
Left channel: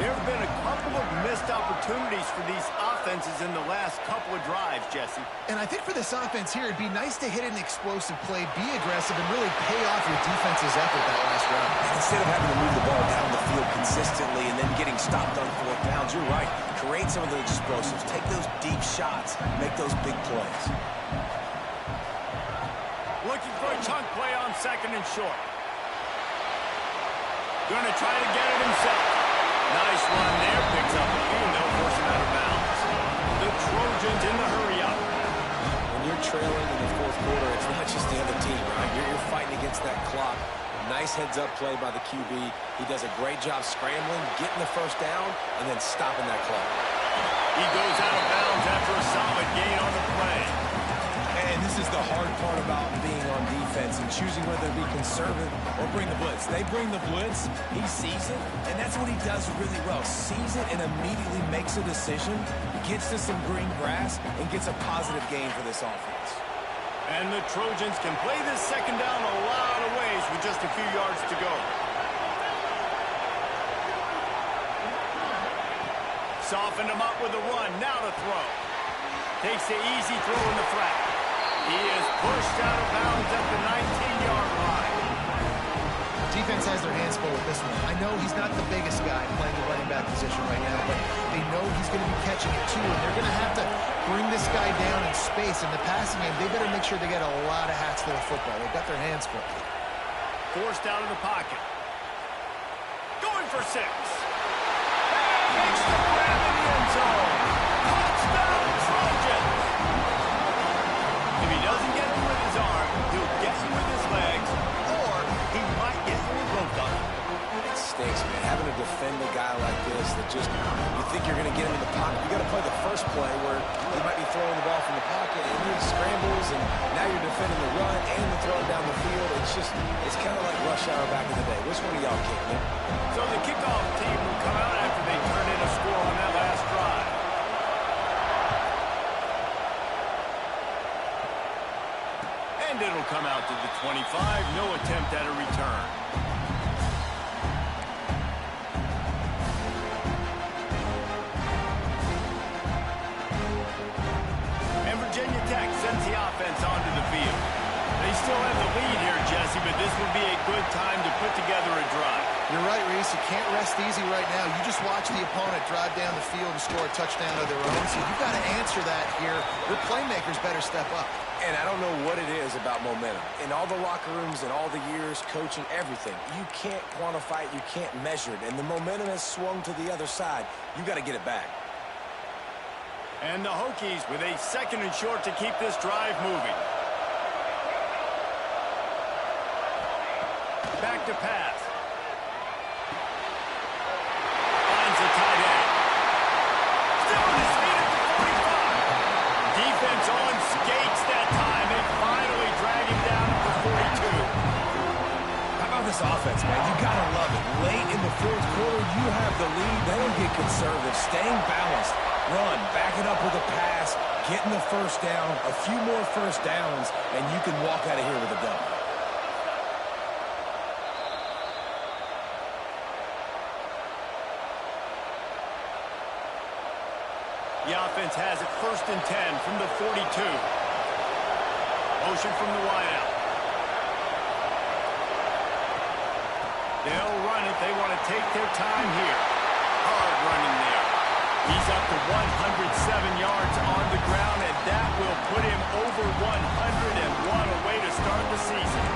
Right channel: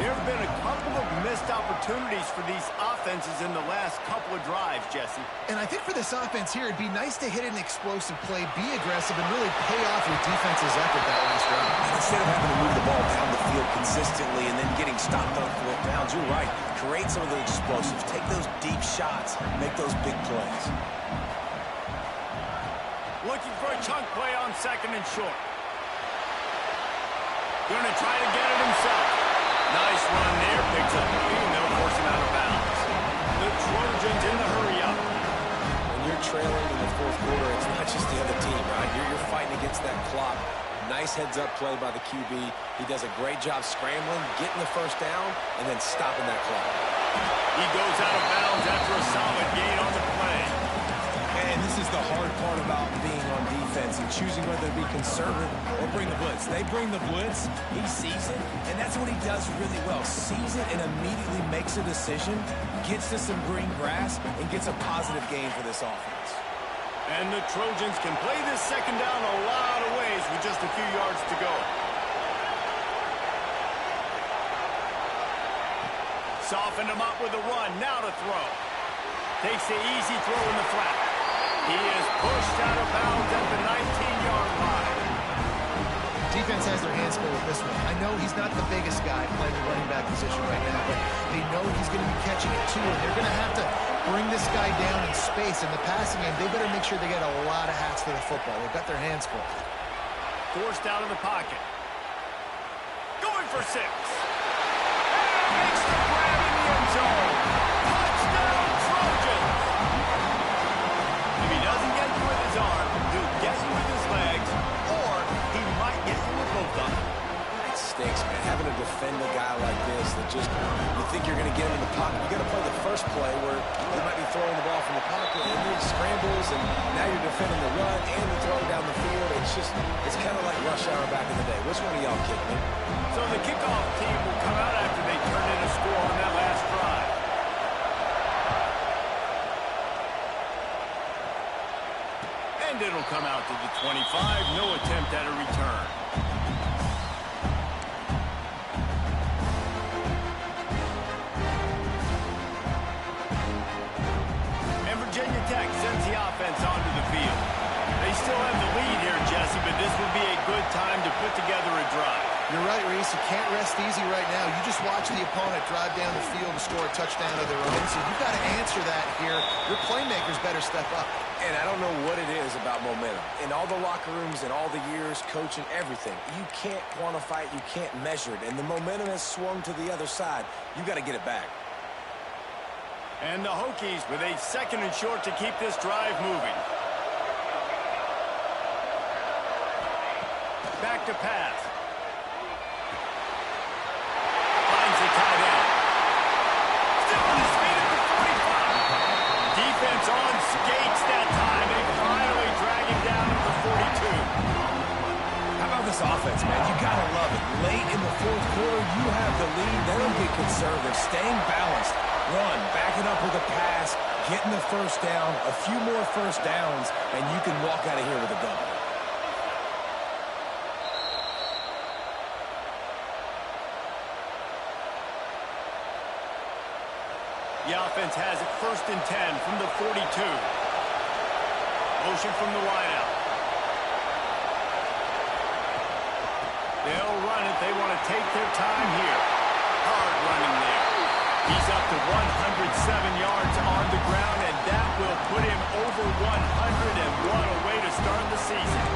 There have been a couple of missed opportunities for these offenses in the last couple of drives, Jesse. And I think for this offense here, it'd be nice to hit an explosive play, be aggressive, and really pay off your defense's effort that last drive. And instead of having to move the ball down the field consistently and then getting stopped on fourth downs, you're right. Create some of those explosives. Take those deep shots. Make those big plays. Looking for a chunk play on second and short. Going to try to get it himself. Nice run there, picks up a few, and they'll force him out of bounds. The Trojans in the hurry-up. When you're trailing in the fourth quarter, it's not just the other team, right? You're fighting against that clock. Nice heads-up play by the QB. He does a great job scrambling, getting the first down, and then stopping that clock. He goes out of bounds after a solid gain on the play. And this is the hard part about being on defense and choosing whether to be conservative or bring the blitz. They bring the blitz, he sees it, and that's what he does really well. Sees it and immediately makes a decision, gets to some green grass, and gets a positive gain for this offense. And the Trojans can play this second down a lot of ways with just a few yards to go. Softened him up with a run, now to throw. Takes the easy throw in the flat. He is pushed out of bounds at the 19-yard line. Defense has their hands full with this one. I know he's not the biggest guy playing the running back position right now, but they know he's going to be catching it too, and they're going to have to bring this guy down in space. In the passing game, they better make sure they get a lot of hats to the football. They've got their hands full. Forced out of the pocket. Going for 6. And makes the grab in the end zone. Touchdown, Trojans! If he doesn't get you with his arm, he'll get you with his legs, or he might get you with both of them. It stinks, man. Having to defend a guy like this that just, you think you're going to get him in the pocket. You got to play the first play where he might be throwing the ball from the pocket, and then he scrambles, and now you're defending the run and the throw down the field. It's kind of like rush hour back in the day. Which one of y'all kicked me? So the kickoff team will come out after they turn in a score on that last drive. And it'll come out to the 25. No attempt at a return. And Virginia Tech sends the offense onto the field. They still have the lead here, Jesse, but this would be a good time to put together a drive. You're right, Reese. You can't rest easy right now. You just watch the opponent drive down the field and score a touchdown of their own, so you've got to answer that here. Your playmakers better step up. And I don't know what it is about momentum. In all the locker rooms and all the years, coaching, everything, you can't quantify it, you can't measure it. And the momentum has swung to the other side. You got to get it back. And the Hokies with a second and short to keep this drive moving. Back to pass. the tight end. Still on his feet at the 45. Defense on skates that time. They finally drag him down at the 42. How about this offense, man? You got to love it. Late in the fourth quarter, you have the lead. They don't get conservative. Staying balanced. Run, back it up with a pass, getting the first down, a few more first downs, and you can walk out of here with a W. The offense has it 1st and 10 from the 42. Motion from the wideout. They'll run it. They want to take their time here. Hard running there. He's up to 107 yards on the ground, and that will put him over 100, and what a way to start the season.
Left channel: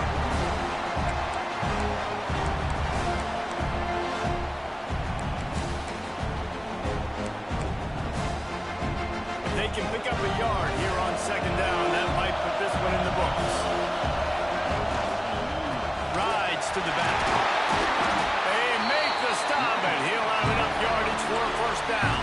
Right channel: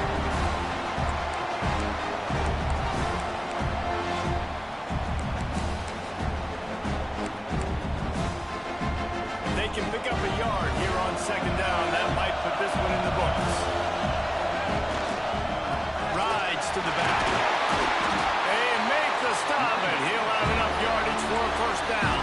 If they can pick up a yard here on 2nd down, that might put this one in the books. Rides to the back. They make the stop, and he'll have enough yardage for a 1st down.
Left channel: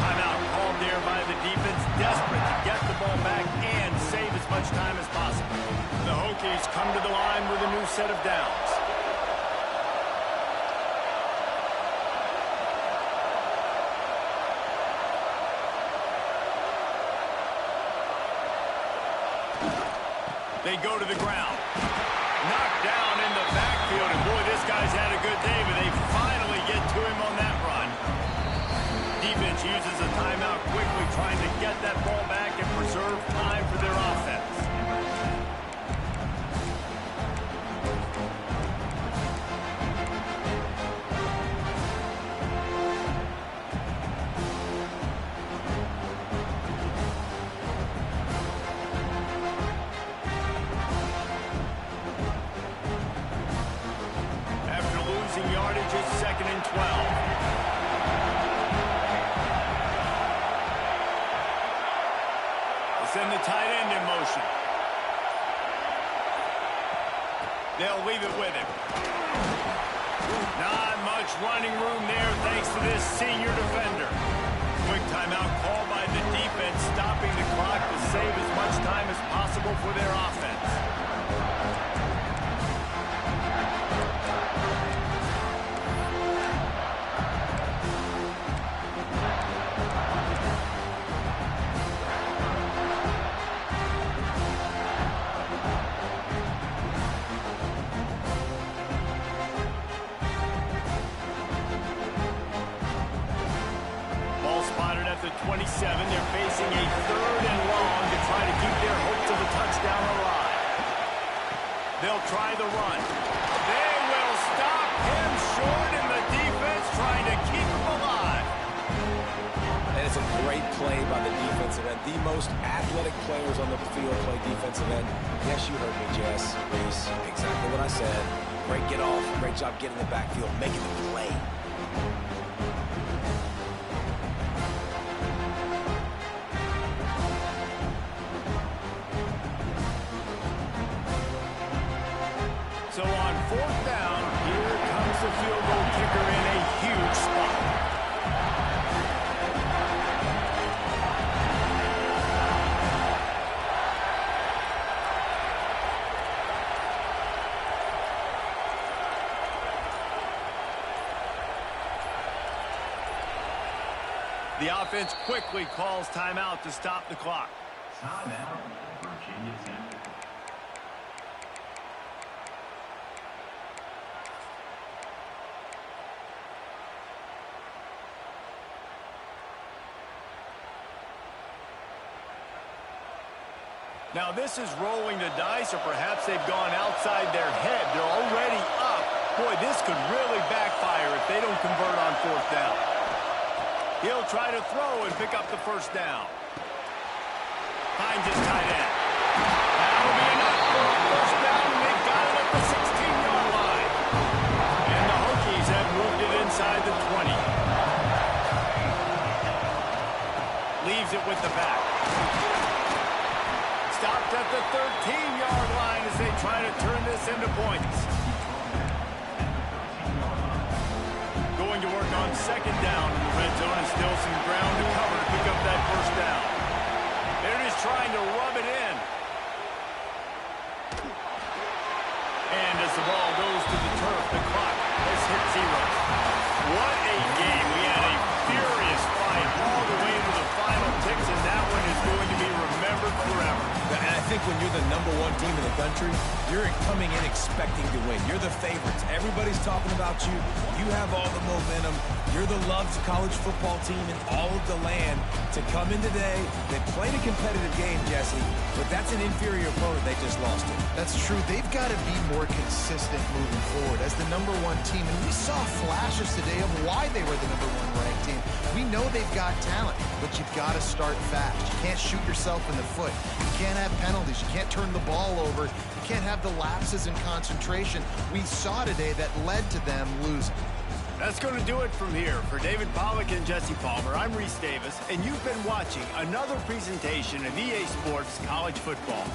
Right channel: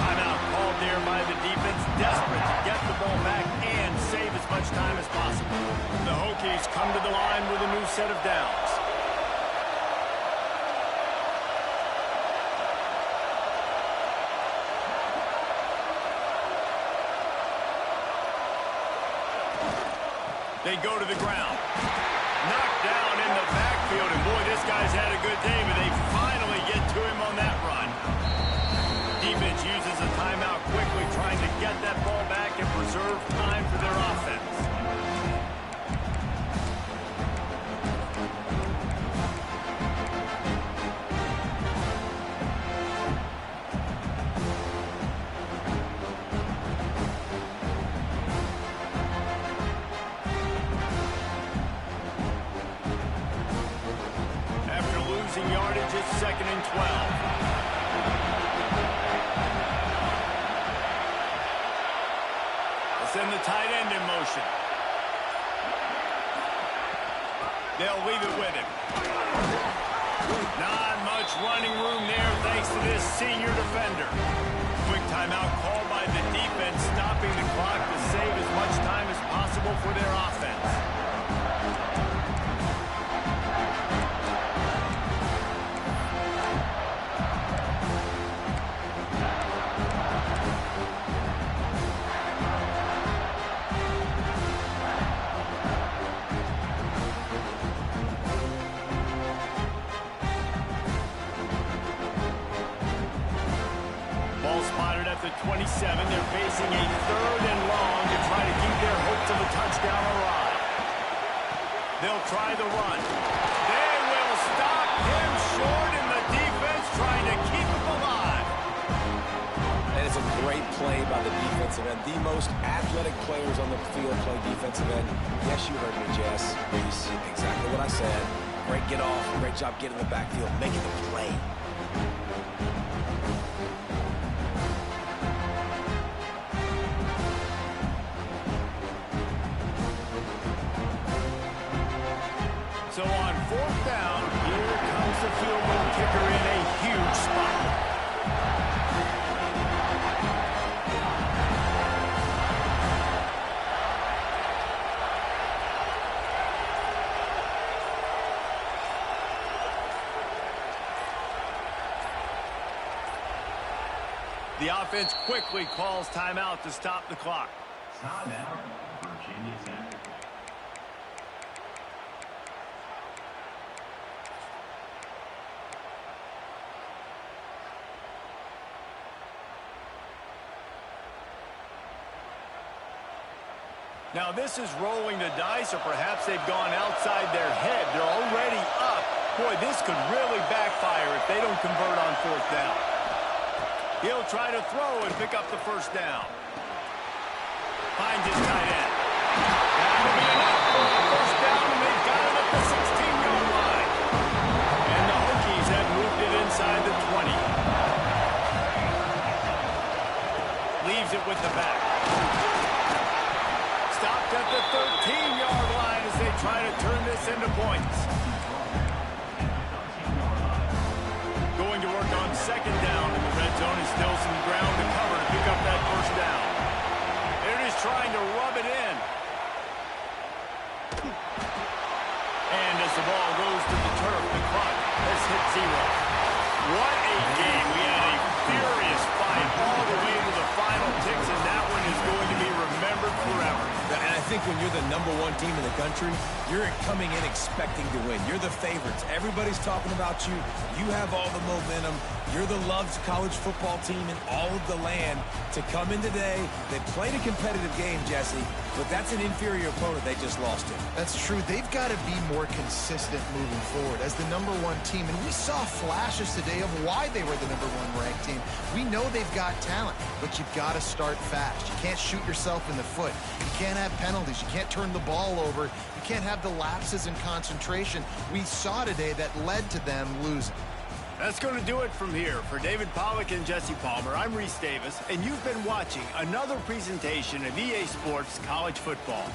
Timeout called there by the defense, desperate to get the ball back and save as much time as possible. The Hokies come to the line with a new set of downs. They go to the ground. Knocked down in the backfield, and boy, this guy's had a good day, but they finally get to him on that run. Defense uses a timeout quickly, trying to get that ball back and preserve time for their offense. Yardage is 2nd and 12. They'll send the tight end in motion. They'll leave it with him. Not much running room there thanks to this senior defender. Quick timeout called by the defense, stopping the clock to save as much time as possible for their offense. At the 27, they're facing a 3rd and long to try to keep their hopes of a touchdown alive. They'll try the run. They will stop him short, and the defense trying to keep him alive. And it's a great play by the defensive end. The most athletic players on the field play defensive end. Yes, you heard me, Jess, Reese. Exactly what I said. Great get off. Great job getting in the backfield, making the play. So on 4th down, here comes the field goal kicker in a huge spot. The offense quickly calls timeout to stop the clock. Timeout, Virginia Tech. Now this is rolling the dice, or perhaps they've gone outside their head. They're already up. Boy, this could really backfire if they don't convert on 4th down. He'll try to throw and pick up the 1st down. Finds his tight end. That'll be enough for a 1st down, and they've got it at the 16-yard line. And the Hokies have moved it inside the 20. Leaves it with the back. Stopped at the 13-yard line as they try to turn this into points. Going going to work on second down in the red zone, and still some ground to cover to pick up that first down. They're just trying to rub it in. And as the ball goes to the turf, the clock has hit 0. What a game. We had a furious fight all the way to the final ticks, and that one is going to be remembered forever. And I think when you're the #1 team in the country, you're coming in expecting to win. You're the favorites. Everybody's talking about you. You have all the momentum. You're the loved college football team in all of the land. To come in today, they played a competitive game, Jesse, but that's an inferior opponent they just lost to. That's true. They've got to be more consistent moving forward as the #1 team. And we saw flashes today of why they were the #1 ranked team. We know they've got talent, but you've got to start fast. You can't shoot yourself in the foot. You can't have penalties. You can't turn the ball over. You can't have the lapses in concentration we saw today that led to them losing. That's going to do it from here. For David Pollack and Jesse Palmer, I'm Reese Davis, and you've been watching another presentation of EA Sports College Football.